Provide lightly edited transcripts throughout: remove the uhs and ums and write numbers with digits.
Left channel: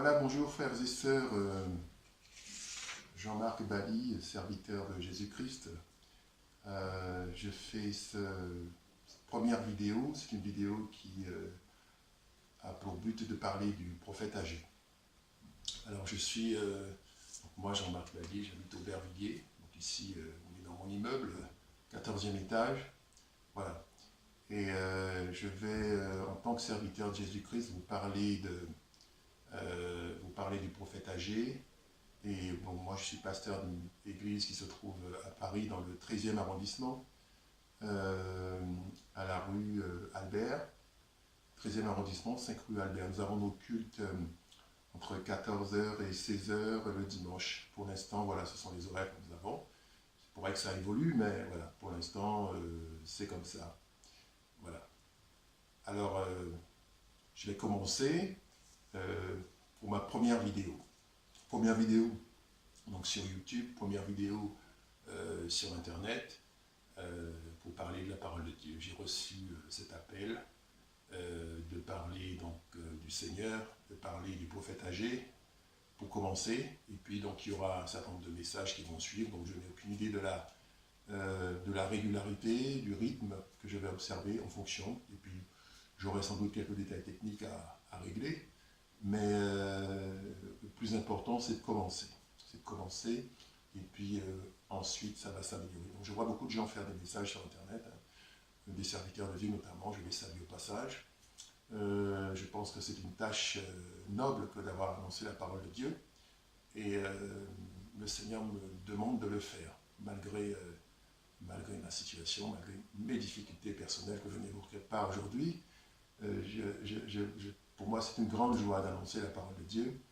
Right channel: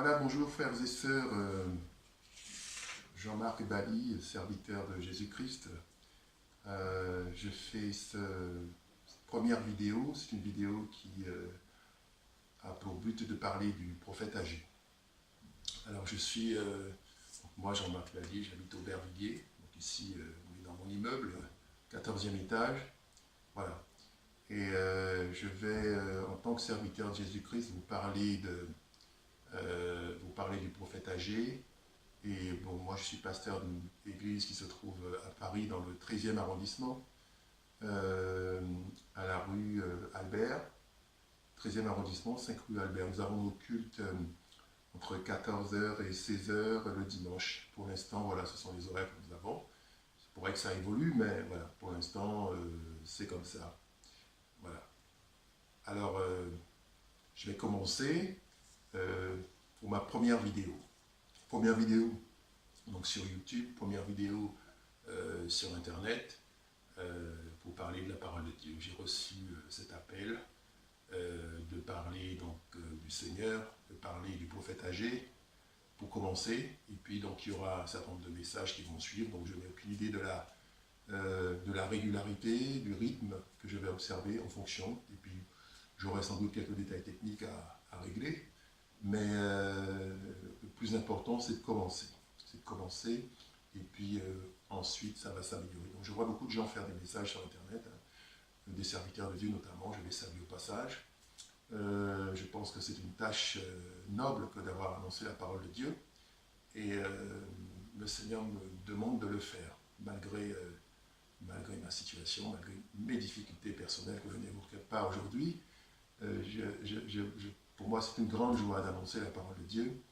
Voilà, bonjour frères et sœurs, Jean-Marc Bali, serviteur de Jésus-Christ. Je fais cette première vidéo, c'est une vidéo qui a pour but de parler du prophète âgé. Alors moi Jean-Marc Bali, j'habite au Aubervilliers, donc ici on est dans mon immeuble, 14e étage, voilà. Et je vais, en tant que serviteur de Jésus-Christ, vous parler du prophète âgé. Et bon, moi je suis pasteur d'une église qui se trouve à Paris dans le 13e arrondissement, à la rue Albert, 13e arrondissement, 5 rue Albert. Nous avons nos cultes entre 14h et 16h le dimanche. Pour l'instant, voilà, ce sont les horaires que nous avons. Il pourrait que ça évolue, mais voilà, pour l'instant, c'est comme ça. Voilà. Alors, je vais commencer pour ma première vidéo. Première vidéo donc sur YouTube, première vidéo sur Internet pour parler de la parole de Dieu. J'ai reçu cet appel de parler donc du Seigneur, de parler du prophète âgé pour commencer. Et puis donc il y aura un certain nombre de messages qui vont suivre. Donc je n'ai aucune idée de la régularité, du rythme que je vais observer en fonction. Et puis j'aurai sans doute quelques détails techniques à régler. Mais le plus important, c'est de commencer. C'est de commencer, et puis ensuite, ça va s'améliorer. Donc, je vois beaucoup de gens faire des messages sur Internet, hein, des serviteurs de Dieu notamment, je les salue au passage. Je pense que c'est une tâche noble que d'avoir annoncé la parole de Dieu, et le Seigneur me demande de le faire, malgré ma situation, malgré mes difficultés personnelles que je n'évoquerai pas aujourd'hui. Pour moi, c'est une grande joie d'annoncer la parole de Dieu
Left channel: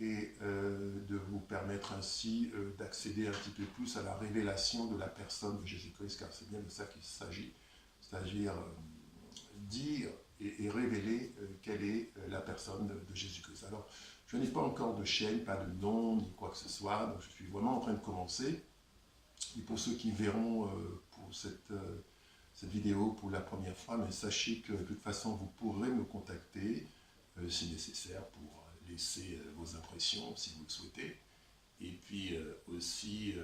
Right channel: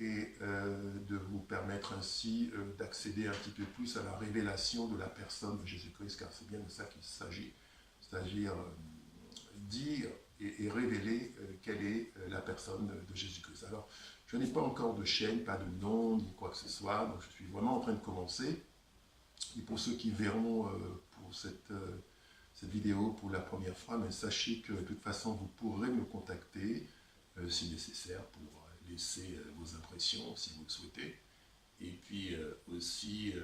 et de vous permettre ainsi d'accéder un petit peu plus à la révélation de la personne de Jésus-Christ, car c'est bien de ça qu'il s'agit, c'est-à-dire dire et révéler quelle est la personne de Jésus-Christ. Alors, je n'ai pas encore de chaîne, pas de nom, ni quoi que ce soit, donc je suis vraiment en train de commencer. Et pour ceux qui verront pour cette vidéo pour la première fois, mais sachez que de toute façon, vous pourrez me contacter si nécessaire pour laisser vos impressions si vous le souhaitez. Et puis aussi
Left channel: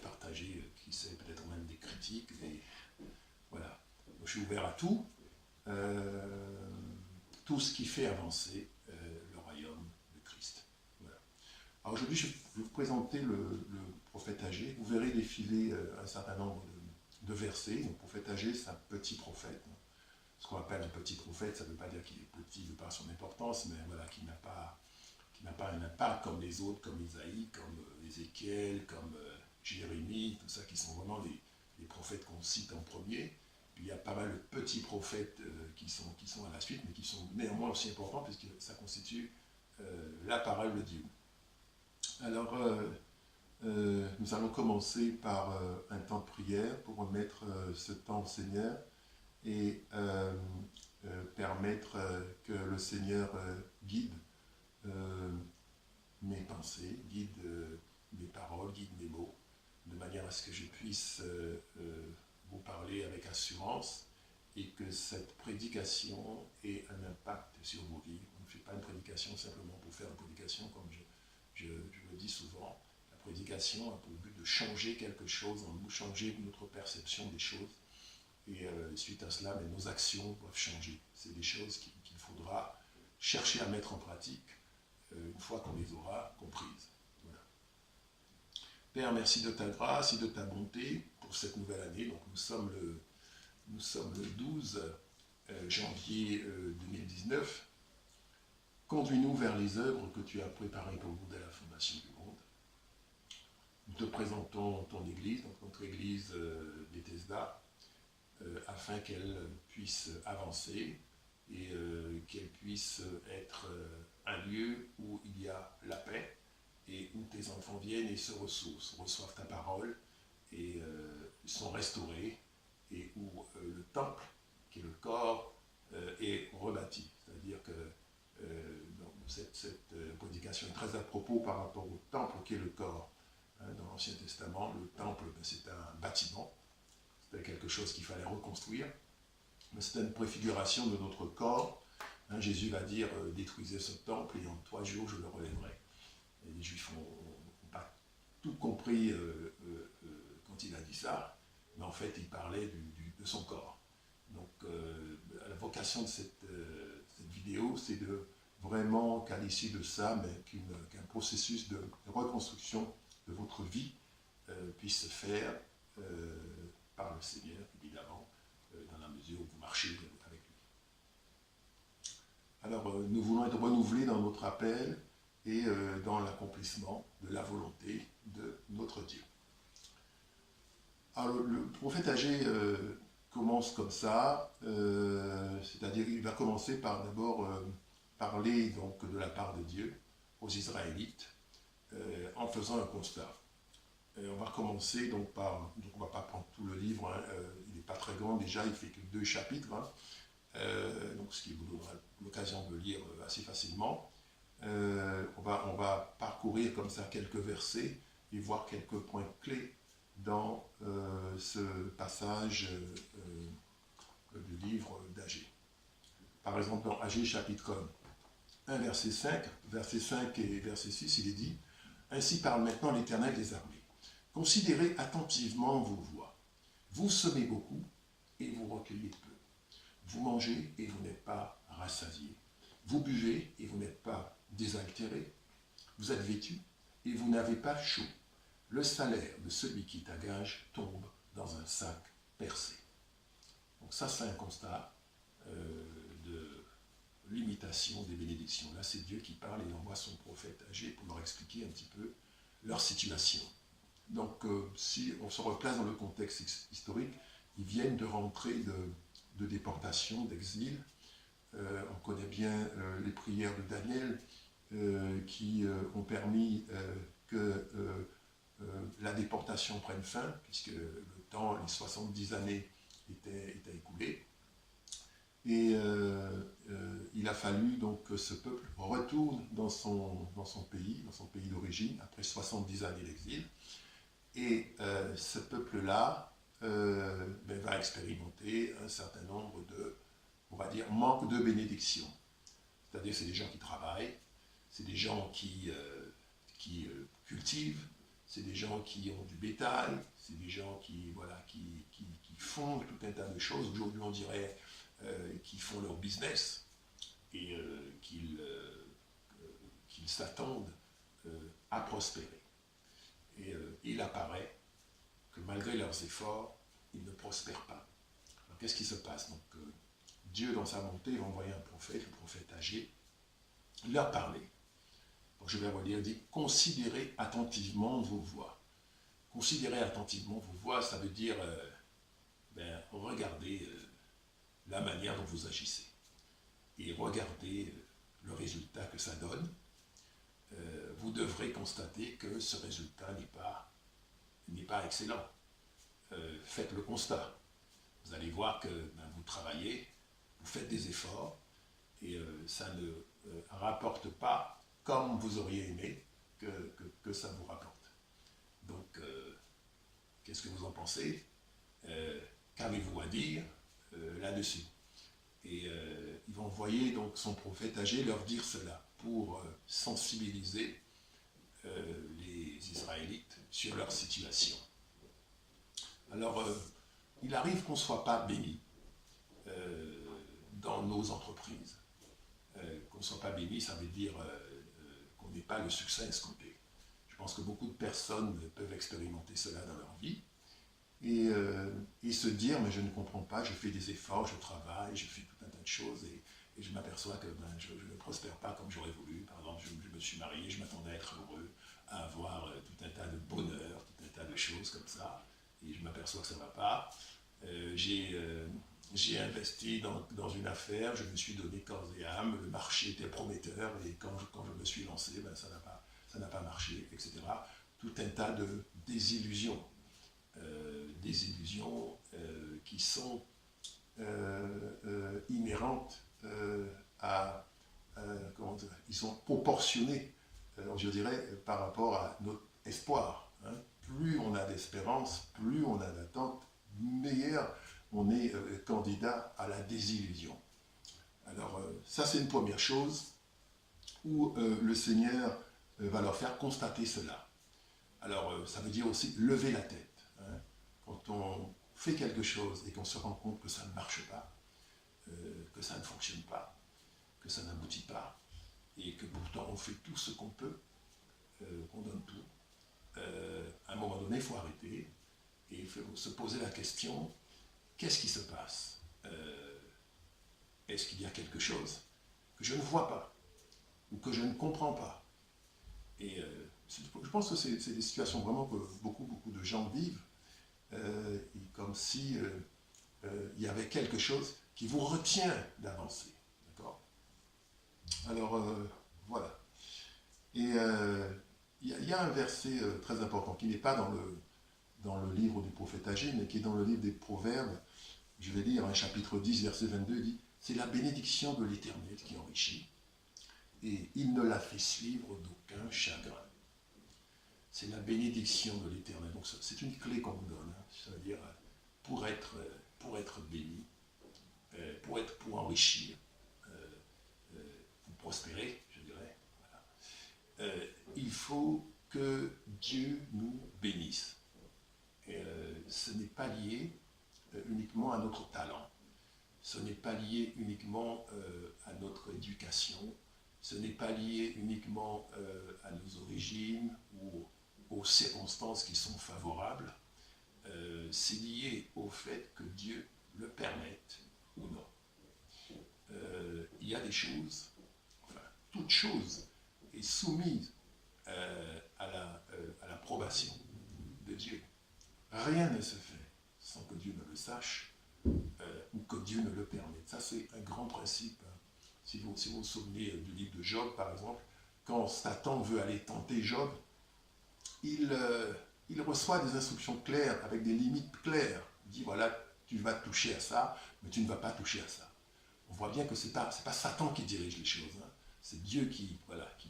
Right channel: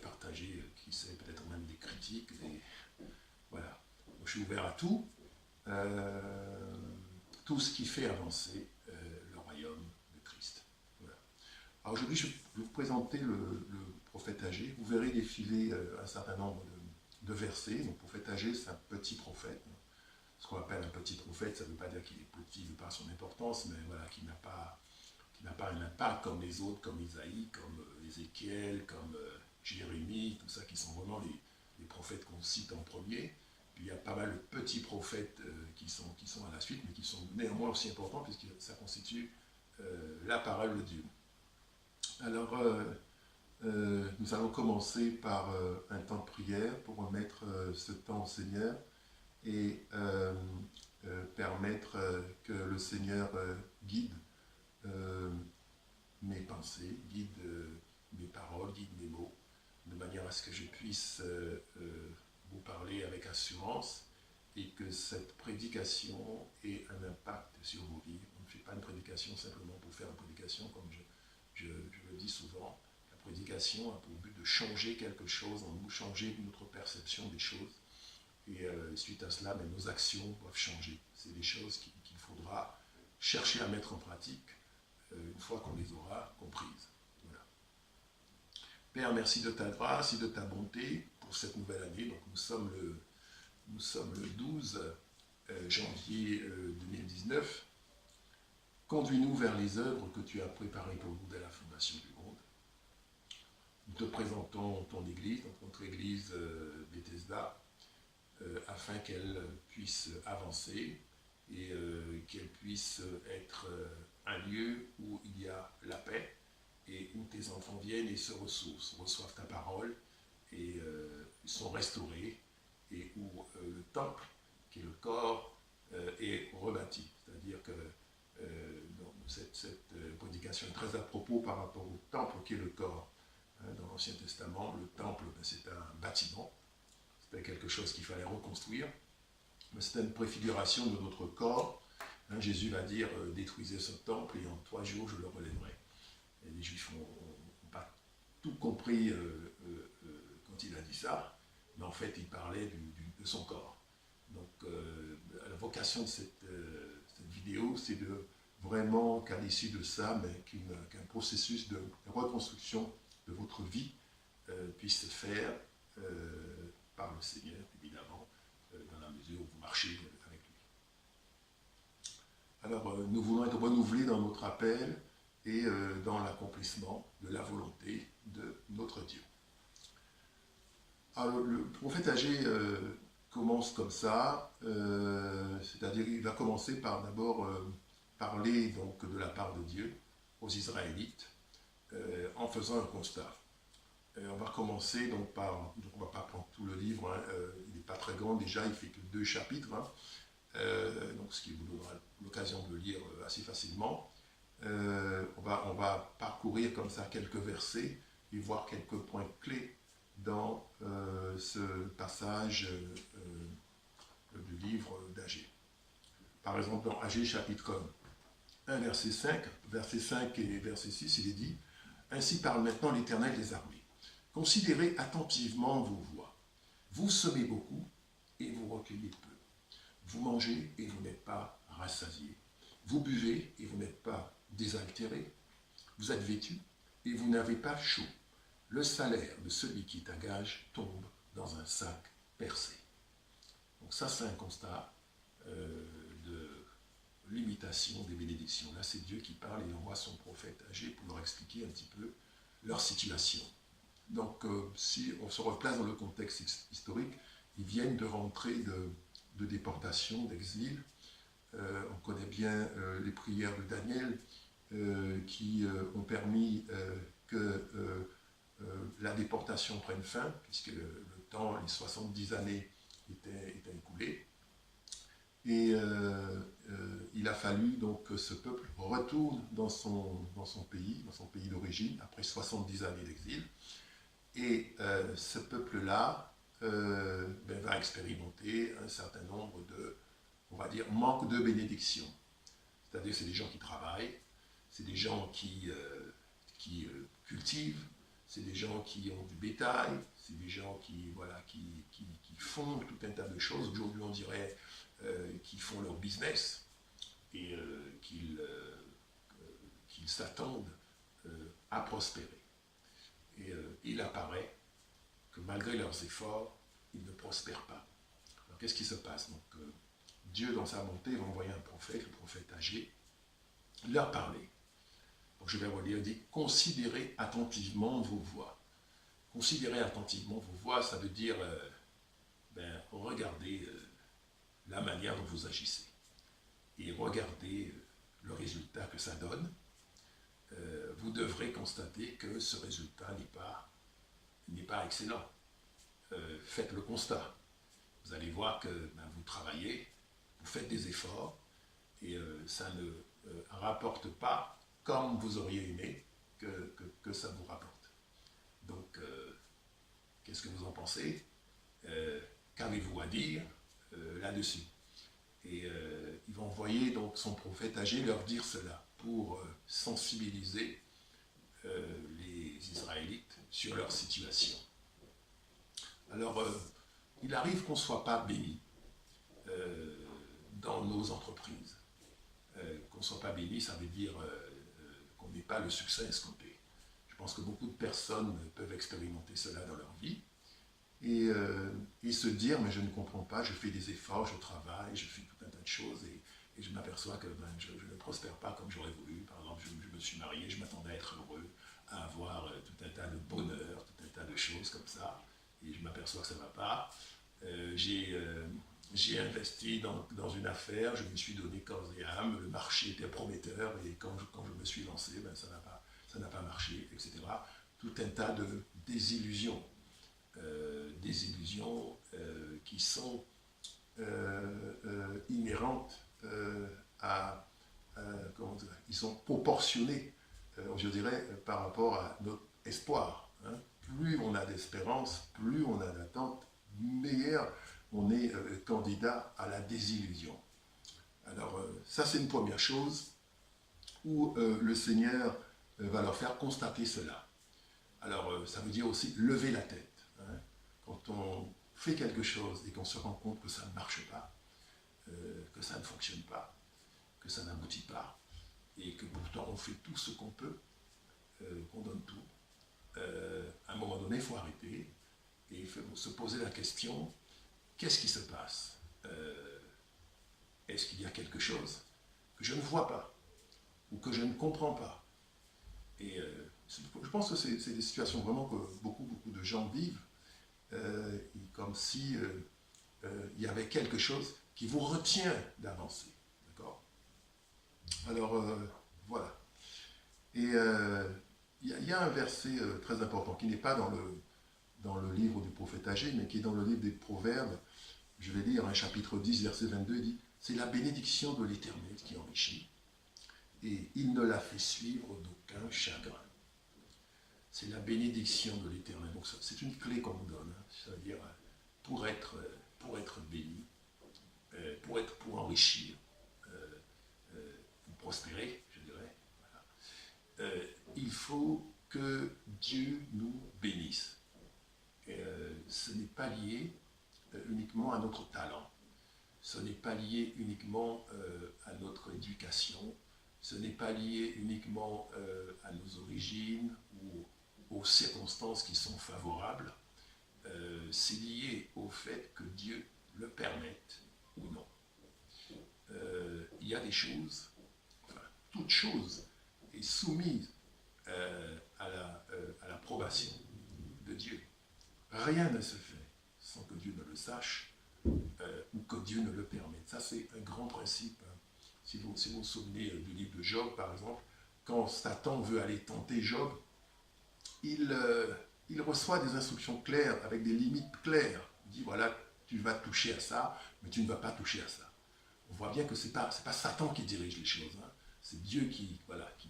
partager, qui sait, peut-être même des critiques. Voilà. Donc, je suis ouvert à tout. Tout ce qui fait avancer le royaume de Christ. Voilà. Alors aujourd'hui, je vais vous présenter le prophète âgé. Vous verrez défiler un certain nombre de versets. Le prophète âgé, c'est un petit prophète. Ce qu'on appelle un petit prophète, ça ne veut pas dire qu'il est petit de par son importance, mais voilà, qui n'a pas un impact comme les autres, comme Isaïe, comme Ézéchiel, comme Jérémie, tout ça, qui sont vraiment les prophètes qu'on cite en premier. Il y a pas mal de petits prophètes qui sont à la suite, mais qui sont néanmoins aussi importants, puisque ça constitue la parole de Dieu. Alors, nous allons commencer par un temps de prière pour remettre ce temps au Seigneur et permettre que le Seigneur guide mes pensées, guide mes paroles, guide mes mots, de manière à ce que je puisse vous parler avec assurance et que cette prédication ait un impact sur vos vies. On ne fait pas une prédication simplement pour faire une prédication, comme je le dis souvent. La prédication a pour but de changer quelque chose en nous, changer notre perception des choses. Et suite à cela, nos actions doivent changer. C'est des choses qu'il faudra chercher à mettre en pratique une fois qu'on les aura comprises. Voilà. Père, merci de ta grâce et de ta bonté pour cette nouvelle année. Donc nous sommes le 12 janvier 2019. Conduis-nous vers les œuvres que tu as préparées pour nous dès la fondation du monde. Nous te présentons ton Église, donc notre Église Bethesda, afin qu'elle puisse avancer et qu'elle puisse être un lieu où il y a la paix et où tes enfants viennent et se ressourcent, reçoivent ta parole et sont restaurés, et où le temple, qui est le corps, est rebâti. C'est-à-dire que cette prédication est très à propos par rapport au temple qui est le corps. Dans l'Ancien Testament, le temple, c'est un bâtiment. C'était quelque chose qu'il fallait reconstruire, mais c'était une préfiguration de notre corps Hein, Jésus va dire détruisez ce temple et en 3 jours je le relèverai. Et les Juifs n'ont pas tout compris quand il a dit ça, mais en fait il parlait de son corps. Donc la vocation de cette vidéo, c'est de vraiment qu'à l'issue de ça, qu'un processus de reconstruction de votre vie puisse se faire par le Seigneur, évidemment, dans la mesure où vous marchez avec lui. Alors, nous voulons être renouvelés dans notre appel et dans l'accomplissement de la volonté de notre Dieu. Alors, le prophète Agé commence comme ça, c'est-à-dire qu'il va commencer par d'abord parler donc de la part de Dieu aux Israélites en faisant un constat. On va commencer donc par, donc on ne va pas prendre tout le livre, hein, il n'est pas très grand déjà, il fait que 2 chapitres, hein, donc ce qui vous donnera l'occasion de le lire assez facilement. On va parcourir comme ça quelques versets et voir quelques points clés dans ce passage du livre d'Agé. Par exemple, dans Agé chapitre 1, verset 5 et verset 6, il est dit « Ainsi parle maintenant l'Éternel des armées. Considérez attentivement vos voies. Vous semez beaucoup et vous recueillez peu. Vous mangez et vous n'êtes pas rassasiés. Vous buvez et vous n'êtes pas désaltérés. Vous êtes vêtus et vous n'avez pas chaud. Le salaire de celui qui est à gage tombe dans un sac percé. » Donc ça, c'est un constat de l'imitation des bénédictions. Là, c'est Dieu qui parle et envoie son prophète Agé pour leur expliquer un petit peu leur situation. Donc, si on se replace dans le contexte historique, ils viennent de rentrer de déportation, d'exil. On connaît bien les prières de Daniel qui ont permis que la déportation prenne fin, puisque le temps, les 70 années étaient écoulées. Et il a fallu donc que ce peuple retourne dans son pays d'origine, après 70 années d'exil. Et ce peuple-là va expérimenter un certain nombre de, on va dire, manque de bénédiction. C'est-à-dire c'est des gens qui travaillent, c'est des gens qui cultivent, c'est des gens qui ont du bétail, c'est des gens qui font tout un tas de choses. Aujourd'hui, on dirait qu'ils font leur business et qu'ils s'attendent à prospérer. Et il apparaît que malgré leurs efforts, ils ne prospèrent pas. Alors qu'est-ce qui se passe? Donc, Dieu, dans sa bonté, va envoyer un prophète, le prophète Agé, leur parler. Donc, je vais relire, il dit « Considérez attentivement vos voies ». Considérez attentivement vos voies, ça veut dire regardez la manière dont vous agissez. Et regardez le résultat que ça donne. Vous devrez constater que ce résultat n'est pas excellent. Faites le constat. Vous allez voir que vous travaillez, vous faites des efforts, et ça ne rapporte pas comme vous auriez aimé que ça vous rapporte. Donc, qu'est-ce que vous en pensez? Qu'avez-vous à dire là-dessus? Et il va envoyer donc son prophète Agé leur dire cela pour sensibiliser les Israélites sur leur situation. Alors, il arrive qu'on ne soit pas béni dans nos entreprises. Qu'on ne soit pas béni, ça veut dire qu'on n'ait pas le succès escompté. Je pense que beaucoup de personnes peuvent expérimenter cela dans leur vie et se dire, mais je ne comprends pas, je fais des efforts, je travaille, je fais tout un tas de choses et je m'aperçois que je ne prospère pas comme j'aurais voulu. Par exemple, je me suis marié, je m'attendais à être heureux, à avoir tout un tas de bonheur, tout un tas de choses comme ça, et je m'aperçois que ça ne va pas. J'ai investi dans une affaire, je me suis donné corps et âme, le marché était prometteur, et quand je me suis lancé, ça n'a pas marché, etc. Tout un tas de désillusions. Qui sont inhérentes ils sont proportionnés, je dirais, par rapport à notre espoir. Hein. Plus on a d'espérance, plus on a d'attente, meilleur on est candidat à la désillusion. Alors, ça c'est une première chose où le Seigneur va leur faire constater cela. Alors, ça veut dire aussi lever la tête. Hein. Quand on fait quelque chose et qu'on se rend compte que ça ne marche pas, que ça ne fonctionne pas, que ça n'aboutit pas, et que pourtant on fait tout ce qu'on peut, qu'on donne tout, à un moment donné, il faut arrêter et il faut se poser la question, qu'est-ce qui se passe? Est-ce qu'il y a quelque chose que je ne vois pas ou que je ne comprends pas? Et je pense que c'est des situations vraiment que beaucoup de gens vivent, comme si il y avait quelque chose qui vous retient d'avancer. D'accord? Alors, voilà. Et il y a un verset très important qui n'est pas dans le livre du prophète Agé, mais qui est dans le livre des Proverbes. Je vais lire un chapitre 10, verset 22, il dit « C'est la bénédiction de l'Éternel qui enrichit, et il ne la fait suivre d'aucun chagrin. » C'est la bénédiction de l'Éternel. Donc c'est une clé qu'on nous donne. Hein. Ça veut dire pour être béni, pour enrichir, pour prospérer, je dirais. Voilà. Il faut que Dieu nous bénisse. Ce n'est pas lié uniquement à notre talent. Ce n'est pas lié uniquement à notre éducation. Ce n'est pas lié uniquement à nos origines ou aux circonstances qui sont favorables. C'est lié au fait que Dieu le permette ou non. Il y a des choses, enfin, toute chose est soumise à l'approbation de Dieu. Rien ne se fait sans que Dieu ne le sache ou que Dieu ne le permette. Ça, c'est un grand principe. Si vous vous souvenez du livre de Job, par exemple, quand Satan veut aller tenter Job, il reçoit des instructions claires, avec des limites claires. Il dit, voilà, tu vas toucher à ça, mais tu ne vas pas toucher à ça. On voit bien que ce n'est pas Satan qui dirige les choses. Hein. C'est Dieu qui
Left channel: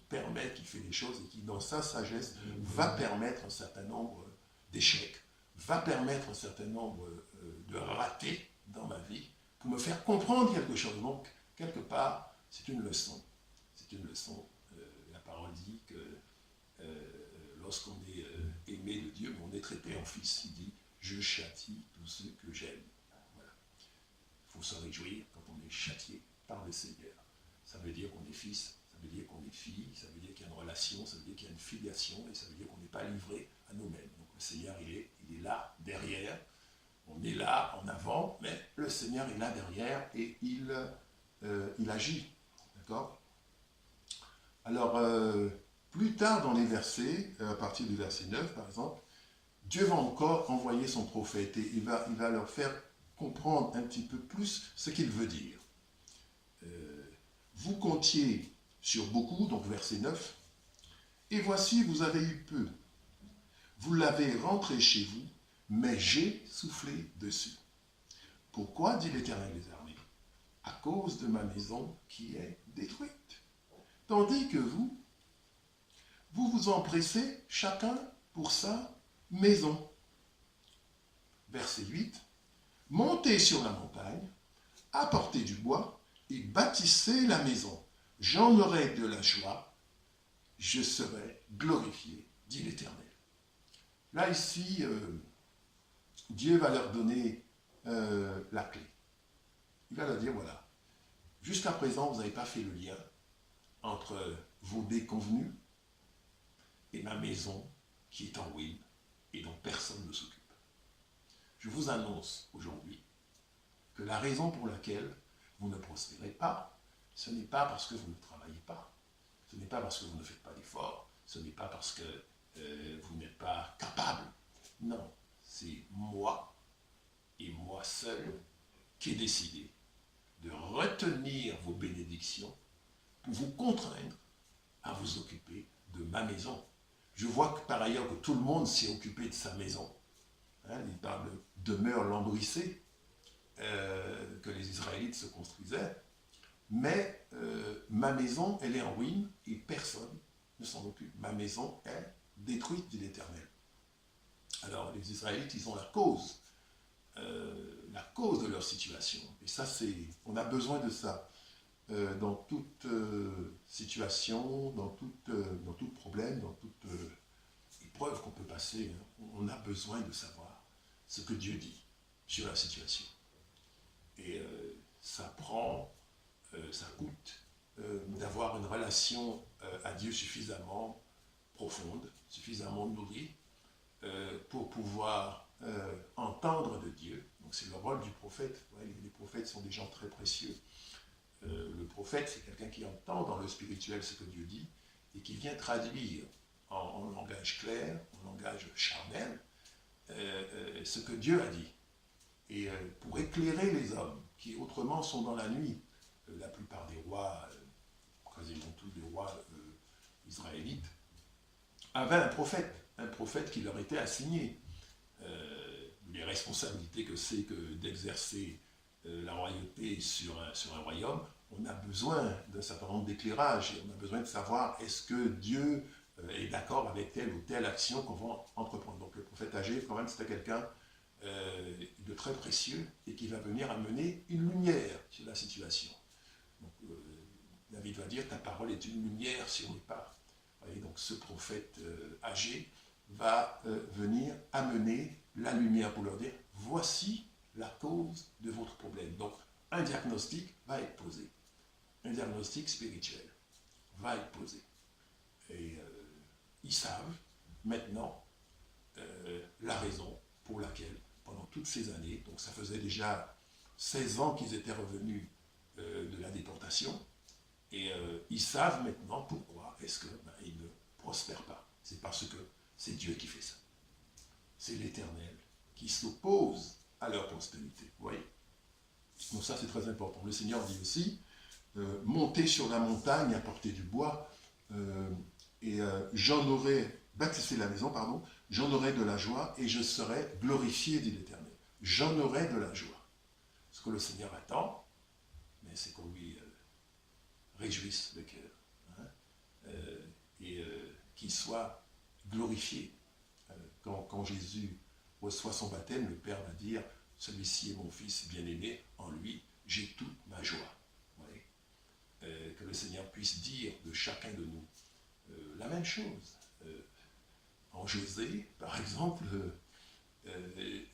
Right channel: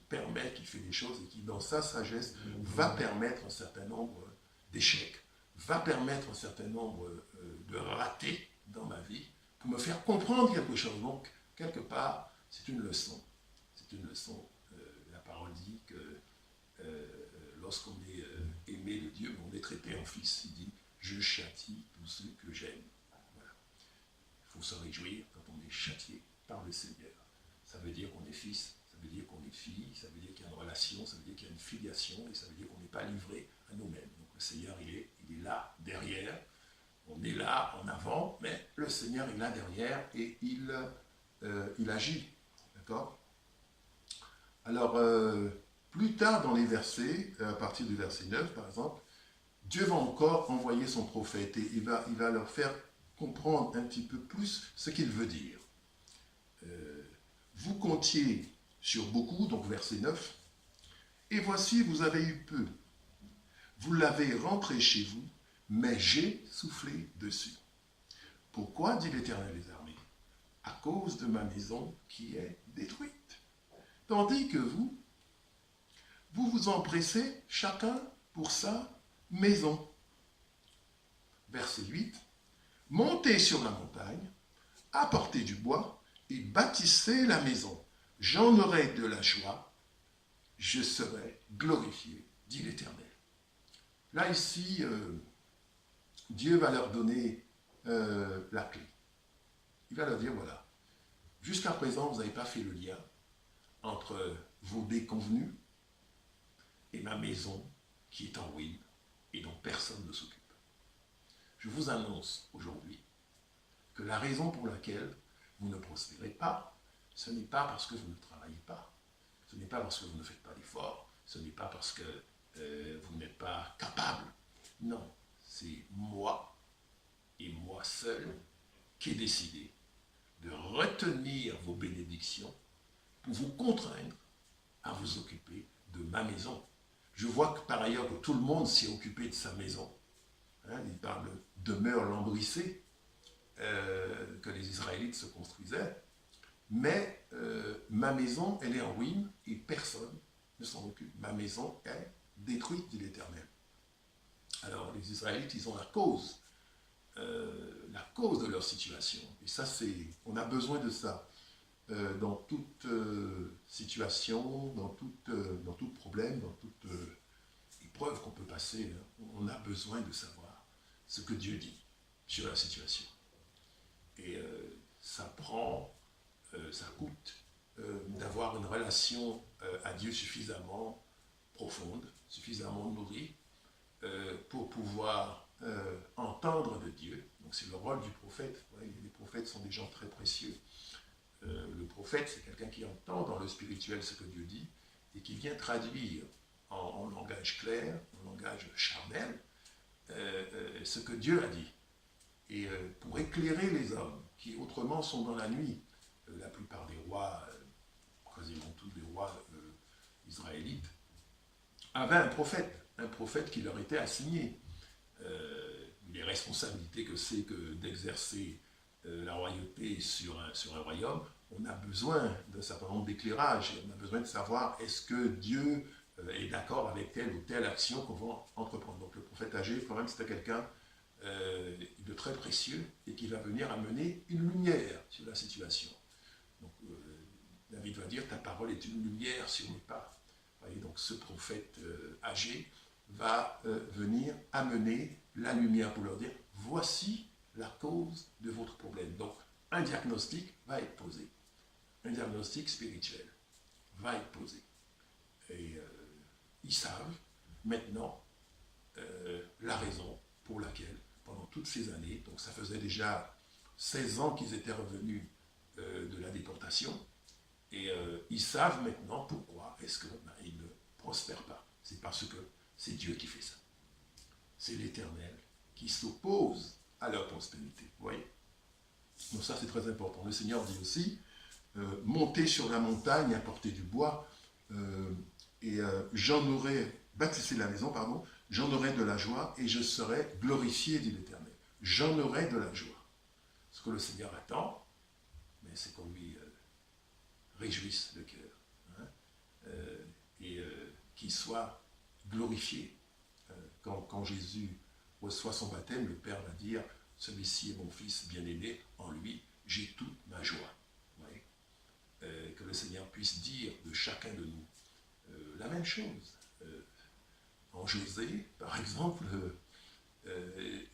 permet, qui fait les choses et qui, dans sa sagesse, va permettre un certain nombre d'échecs, va permettre un certain nombre de ratés dans ma vie pour me faire comprendre quelque chose. Donc, quelque part, c'est une leçon. C'est une leçon. La parole dit que lorsqu'on est aimé de Dieu, on est traité en fils. Il dit, je châtie tous ceux que j'aime. Voilà. Il faut se réjouir quand on est châtié par le Seigneur. Ça veut dire qu'on est fils, ça veut dire qu'on est fille, ça veut dire qu'il y a une relation, ça veut dire qu'il y a une filiation, et ça veut dire qu'on n'est pas livré à nous-mêmes. Donc le Seigneur, il est là, derrière. On est là, en avant, mais le Seigneur est là, derrière, et il agit. D'accord? Alors, plus tard dans les versets, à partir du verset 9, par exemple, Dieu va encore envoyer son prophète, et il va leur faire comprendre un petit peu plus ce qu'il veut dire. Vous comptiez sur beaucoup, donc verset 9, et voici, vous avez eu peu. Vous l'avez rentré chez vous, mais j'ai soufflé dessus. Pourquoi, dit l'Éternel des armées? À cause de ma maison qui est détruite. Tandis que vous vous empressez chacun pour sa maison. Verset 8. Montez sur la montagne, apportez du bois et bâtissez la maison. J'en aurai de la joie, je serai glorifié, dit l'Éternel. Là, ici, Dieu va leur donner la clé. Il va leur dire, voilà, jusqu'à présent, vous n'avez pas fait le lien entre vos déconvenus et ma maison qui est en ruine et dont personne ne s'occupe. Je vous annonce aujourd'hui que la raison pour laquelle vous ne prospérez pas, ce n'est pas parce que vous ne travaillez pas, ce n'est pas parce que vous ne faites pas d'efforts, ce n'est pas parce que vous n'êtes pas capable. Non, c'est moi et moi seul qui ai décidé de retenir vos bénédictions pour vous contraindre à vous occuper de ma maison. Je vois que par ailleurs que tout le monde s'est occupé de sa maison. Hein, il parle de demeure lambrissée que les Israélites se construisaient. Mais ma maison, elle est en ruine et personne ne s'en occupe. Ma maison est détruite, dit l'Éternel. Alors les Israélites, ils ont la cause de leur situation. Et ça, on a besoin de ça. dans toute situation, dans tout problème, dans toute épreuve qu'on peut passer, hein, on a besoin de savoir ce que Dieu dit sur la situation. Et ça coûte d'avoir une relation à Dieu suffisamment profonde, suffisamment nourrie, pour pouvoir entendre de Dieu. Donc c'est le rôle du prophète. Ouais, les prophètes sont des gens très précieux. Le prophète, c'est quelqu'un qui entend dans le spirituel ce que Dieu dit et qui vient traduire en langage clair, en langage charnel, ce que Dieu a dit. Et pour éclairer les hommes qui autrement sont dans la nuit, la plupart des rois, quasiment tous les rois israélites, avaient un prophète qui leur était assigné. Les responsabilités que c'est que d'exercer la royauté sur un royaume, on a besoin d'un certain nombre d'éclairages, on a besoin de savoir est-ce que Dieu est d'accord avec telle ou telle action qu'on va entreprendre. Donc le prophète âgé, quand même, c'était quelqu'un de très précieux et qui va venir amener une lumière sur la situation. Donc David va dire, ta parole est une lumière sur mes pas. Et donc ce prophète âgé va venir amener la lumière pour leur dire, voici la cause de votre problème. Donc un diagnostic va être posé. Un diagnostic spirituel va être posé. Et ils savent maintenant la raison pour laquelle, pendant toutes ces années, donc ça faisait déjà 16 ans qu'ils étaient revenus de la déportation, et ils savent maintenant pourquoi est-ce qu'ils ne prospèrent pas. C'est parce que c'est Dieu qui fait ça. C'est l'Éternel qui s'oppose à leur prospérité. Vous voyez? Donc ça, c'est très important. Le Seigneur dit aussi, montez sur la montagne, apportez du bois, bâtissez la maison, pardon, j'en aurai de la joie et je serai glorifié, dit l'Éternel. J'en aurai de la joie. Ce que le Seigneur attend, mais c'est qu'on lui réjouisse le cœur, hein, et qu'il soit glorifié. Quand Jésus reçoit son baptême, le Père va dire, celui-ci est mon Fils bien-aimé, en lui, j'ai toute ma joie. Vous voyez, que le Seigneur puisse dire de chacun de nous la même chose. En José, par exemple,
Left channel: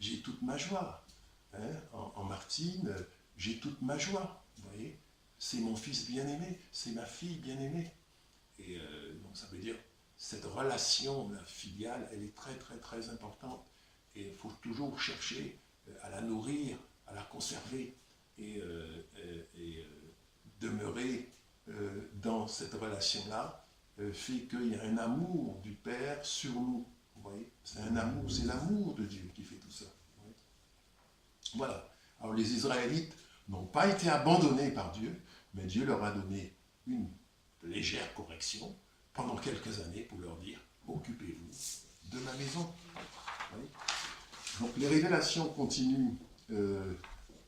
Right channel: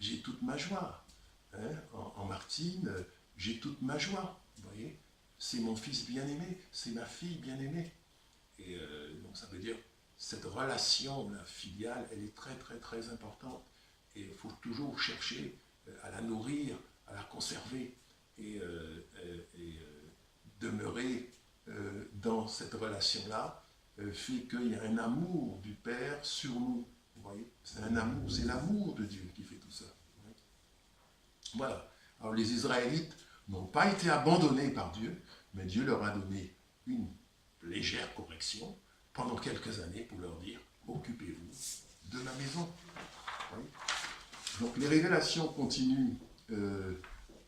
j'ai toute ma joie. Hein? En Martine, j'ai toute ma joie. Vous voyez, c'est mon fils bien-aimé, c'est ma fille bien-aimée. Et donc ça veut dire, cette relation la filiale, elle est très très très importante. Et il faut toujours chercher à la nourrir, à la conserver et demeurer dans cette relation-là fait qu'il y a un amour du Père sur nous. Vous voyez, c'est un amour, c'est l'amour de Dieu qui fait tout ça. Voilà. Alors les Israélites n'ont pas été abandonnés par Dieu, mais Dieu leur a donné une légère correction pendant quelques années pour leur dire « Occupez-vous de ma maison ». Donc les révélations continuent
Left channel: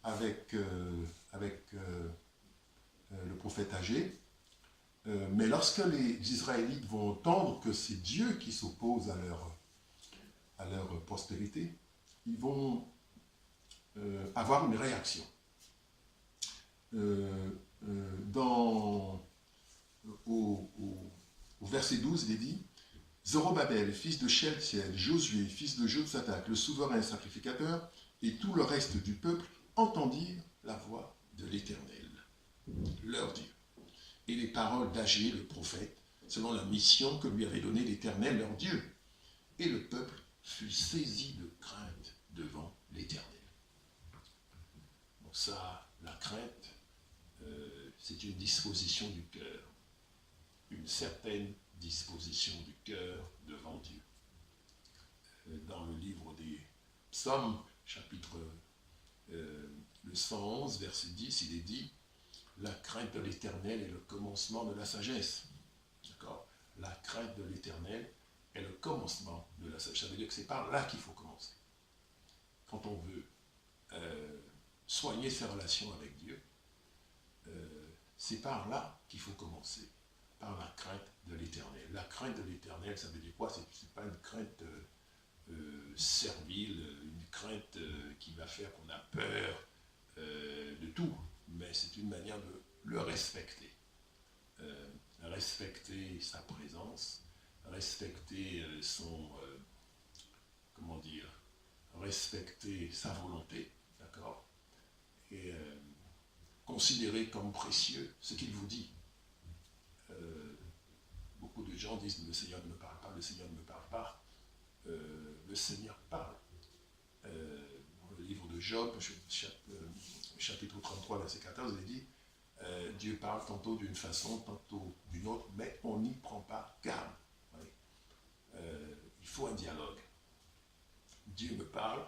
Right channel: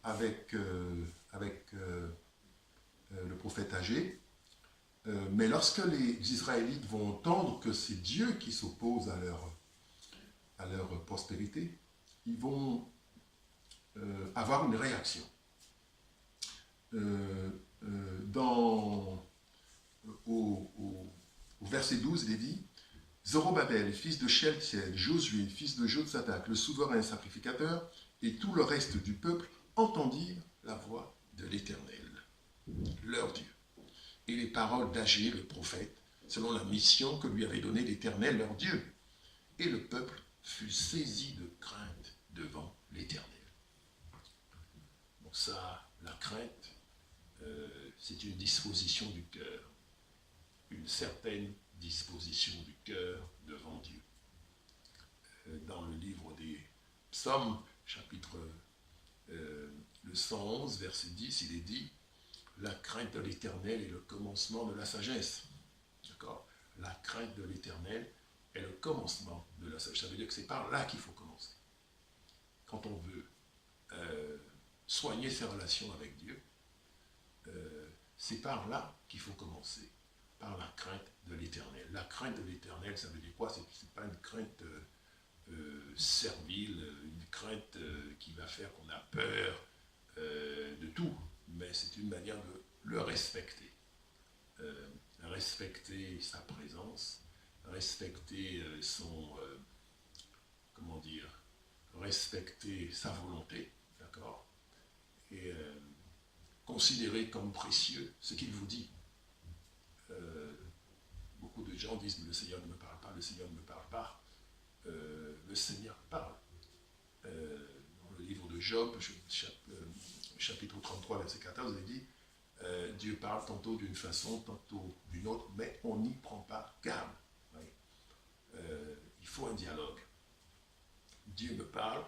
avec le prophète âgé, mais lorsque les Israélites vont entendre que c'est Dieu qui s'oppose à leur prospérité, ils vont avoir une réaction. Au verset 12, il est dit « Zorobabel, fils de Sheltiel, Josué, fils de Jotsadak, le souverain sacrificateur, et tout le reste du peuple entendirent la voix de l'Éternel, leur Dieu, et les paroles d'Agé, le prophète, selon la mission que lui avait donnée l'Éternel, leur Dieu. Et le peuple fut saisi de crainte devant l'Éternel. » Donc ça, la crainte, c'est une disposition du cœur, une certaine disposition du cœur devant Dieu. Dans le livre des Psaumes, chapitre le 111, verset 10, il est dit « La crainte de l'Éternel est le commencement de la sagesse. » D'accord ? La crainte de l'Éternel est le commencement de la sagesse. Ça veut dire que c'est par là qu'il faut commencer. Quand on veut soigner ses relations avec Dieu, c'est par là qu'il faut commencer, par la crainte de l'Éternel. La crainte de l'Éternel, ça veut dire quoi? C'est pas une crainte servile, une crainte qui va faire qu'on a peur de tout, mais c'est une manière de le respecter. Respecter sa présence, respecter respecter sa volonté, d'accord, et considérer comme précieux ce qu'il vous dit. Beaucoup de gens disent le Seigneur ne me parle pas, le Seigneur ne me parle pas. Le Seigneur parle. Dans le livre de Job, chapitre 33, verset 14, il dit Dieu parle tantôt d'une façon, tantôt d'une autre, mais on n'y prend pas garde. Oui. Il faut un dialogue. Dieu me parle,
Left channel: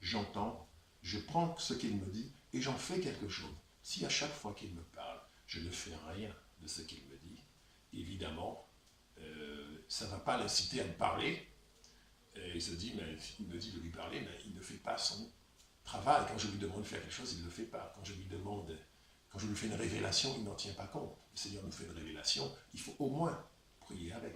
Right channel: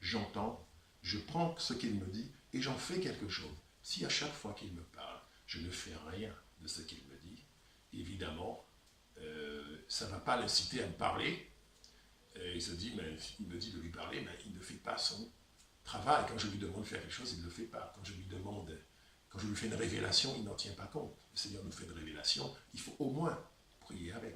j'entends, je prends ce qu'il me dit et j'en fais quelque chose. Si à chaque fois qu'il me parle, je ne fais rien de ce qu'il me dit, évidemment, ça ne va pas l'inciter à me parler. Il se dit, mais il me dit de lui parler, mais il ne fait pas son travail. Quand je lui demande de faire quelque chose, il ne le fait pas. Quand je lui fais une révélation, il n'en tient pas compte. Le Seigneur nous fait une révélation, il faut au moins prier avec.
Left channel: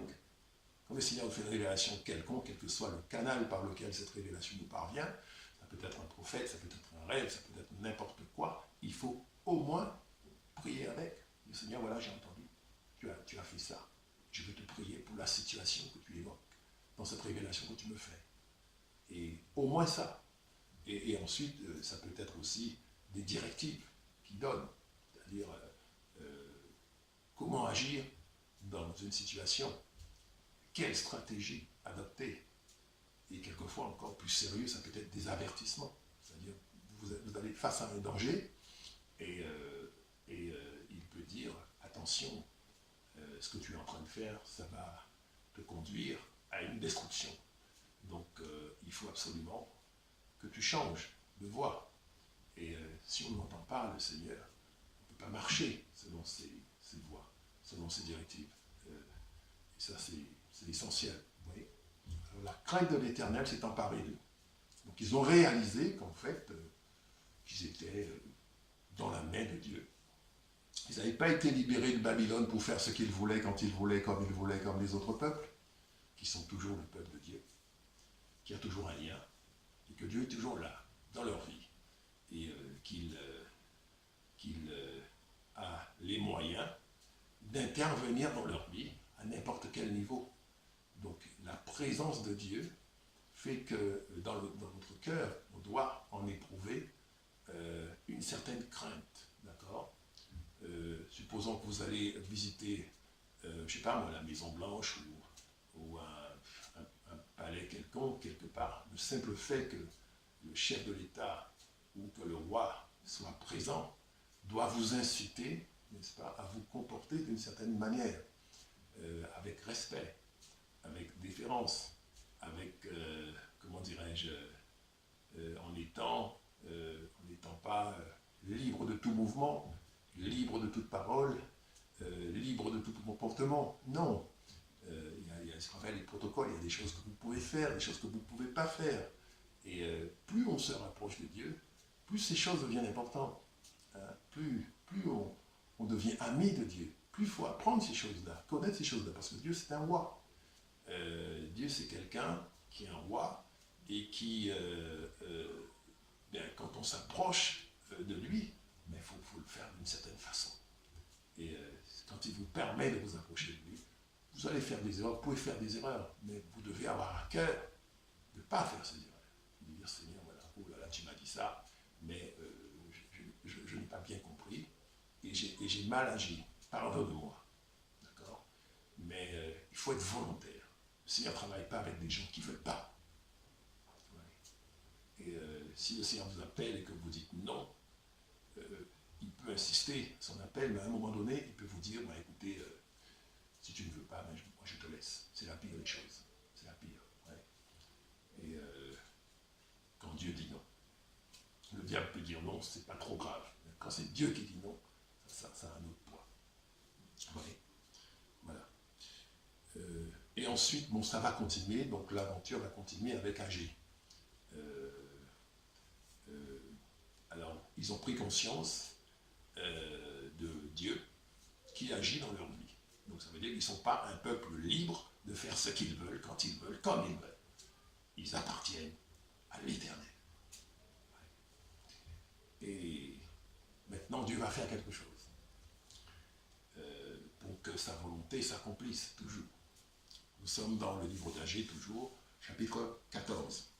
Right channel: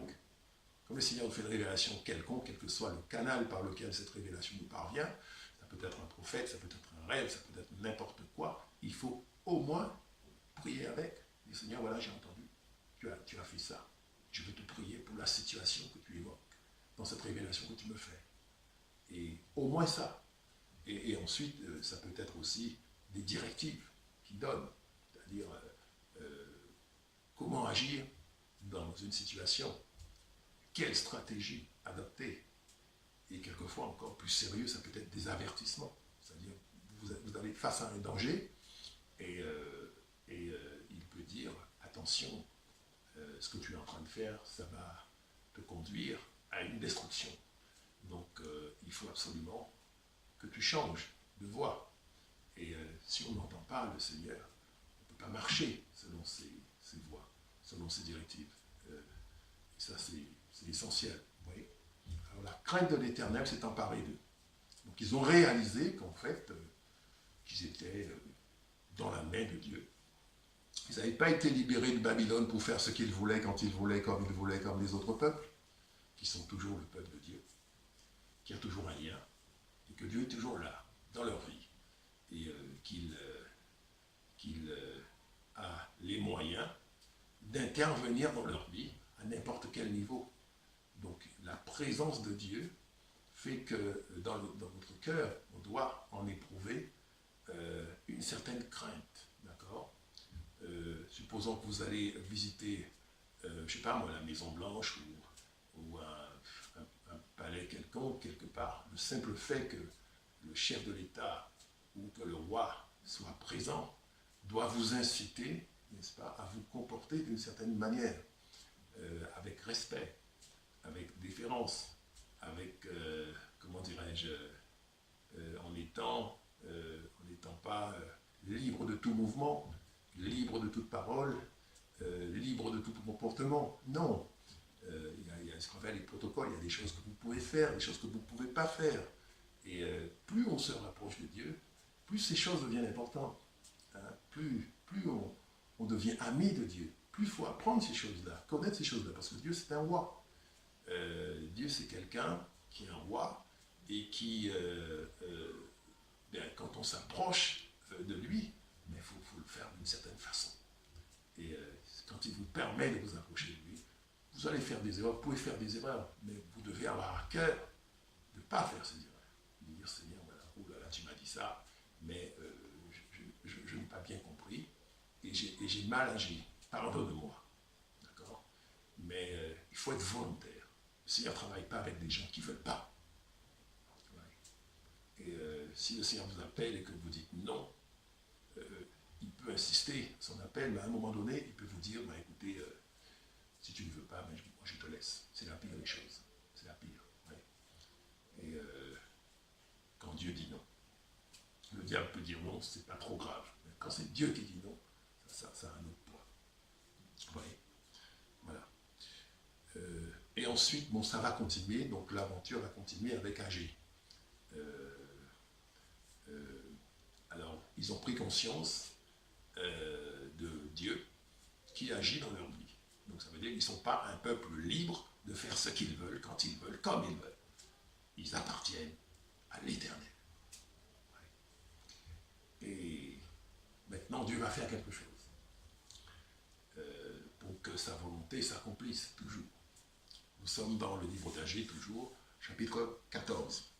Quand le Seigneur nous fait une révélation quelconque, quel que soit le canal par lequel cette révélation nous parvient, ça peut être un prophète, ça peut être un rêve, ça peut être n'importe quoi, il faut au moins prier avec. Le Seigneur, voilà, j'ai entendu, tu as fait ça. Je veux te prier pour la situation que tu évoques, dans cette révélation que tu me fais. Et au moins ça. Et ensuite, ça peut être aussi des directives qu'il donne, c'est-à-dire comment agir dans une situation, quelle stratégie adopter. Et quelquefois, encore plus sérieux, ça peut être des avertissements. C'est-à-dire, vous avez face à un danger, et il peut dire, attention, ce que tu es en train de faire, ça va te conduire à une destruction. Donc, il faut absolument que tu changes de voie. Et si on n'entend pas le Seigneur, on ne peut pas marcher selon ses voies, selon ses directives. Et ça, c'est essentiel. Vous voyez ? Alors, la crainte de l'Éternel s'est emparée d'eux. Donc, ils ont réalisé qu'en fait, qu'ils étaient dans la main de Dieu. Ils n'avaient pas été libérés de Babylone pour faire ce qu'ils voulaient, quand ils voulaient, comme ils voulaient, comme les autres peuples, qui sont toujours le peuple de Dieu, qui a toujours un lien, et que Dieu est toujours là, dans leur vie, et qu'il a les moyens d'intervenir dans leur vie à n'importe quel niveau. Donc la présence de Dieu fait que dans votre cœur, on doit en éprouver une certaine crainte, d'accord ? Supposons que vous allez visiter, je ne sais pas moi, la Maison Blanche ou un palais quelconque, quelque part. Le simple fait que le chef de l'État ou que le roi soit présent doit vous inciter, n'est-ce pas, à vous comporter d'une certaine manière, avec respect, avec déférence, avec, comment dirais-je, en n'étant pas libre de tout mouvement, libre de toute parole, libre de tout comportement. Non. Il y a ce qu'on appelle les protocoles, il y a des choses que vous pouvez faire, des choses que vous ne pouvez pas faire. Et plus on se rapproche de Dieu, plus ces choses deviennent importantes. Hein, plus on devient ami de Dieu, plus il faut apprendre ces choses-là, connaître ces choses-là, parce que Dieu c'est un roi. Dieu c'est quelqu'un qui est un roi et qui, quand on s'approche de lui, il faut le faire d'une certaine façon. Et quand il vous permet de vous approcher de lui, vous allez faire des erreurs, vous pouvez faire des erreurs, mais vous devez avoir à cœur de ne pas faire ces erreurs. De dire, Seigneur, voilà, oh là là, tu m'as dit ça, mais je n'ai pas bien compris, et j'ai mal agi, pardonne-moi. D'accord ? Mais il faut être volontaire. Le Seigneur ne travaille pas avec des gens qui ne veulent pas. Ouais. Et si le Seigneur vous appelle et que vous dites non, il peut insister son appel, mais à un moment donné, il peut vous dire, bah, écoutez, si tu ne veux pas, moi je te laisse. C'est la pire des choses. C'est la pire. Ouais. Et quand Dieu dit non, le diable peut dire non, c'est pas trop grave. Mais quand c'est Dieu qui dit non, ça a un autre poids. Ouais. Voilà. Et ensuite, bon, ça va continuer, donc l'aventure va continuer avec Agé. Alors, ils ont pris conscience de Dieu qui agit dans leur vie. Donc ça veut dire qu'ils ne sont pas un peuple libre de faire ce qu'ils veulent, quand ils veulent, comme ils veulent. Ils appartiennent à l'Éternel. Ouais. Et maintenant, Dieu va faire quelque chose. que sa volonté s'accomplisse toujours. Nous sommes dans le livre d'Agée, toujours, chapitre 14.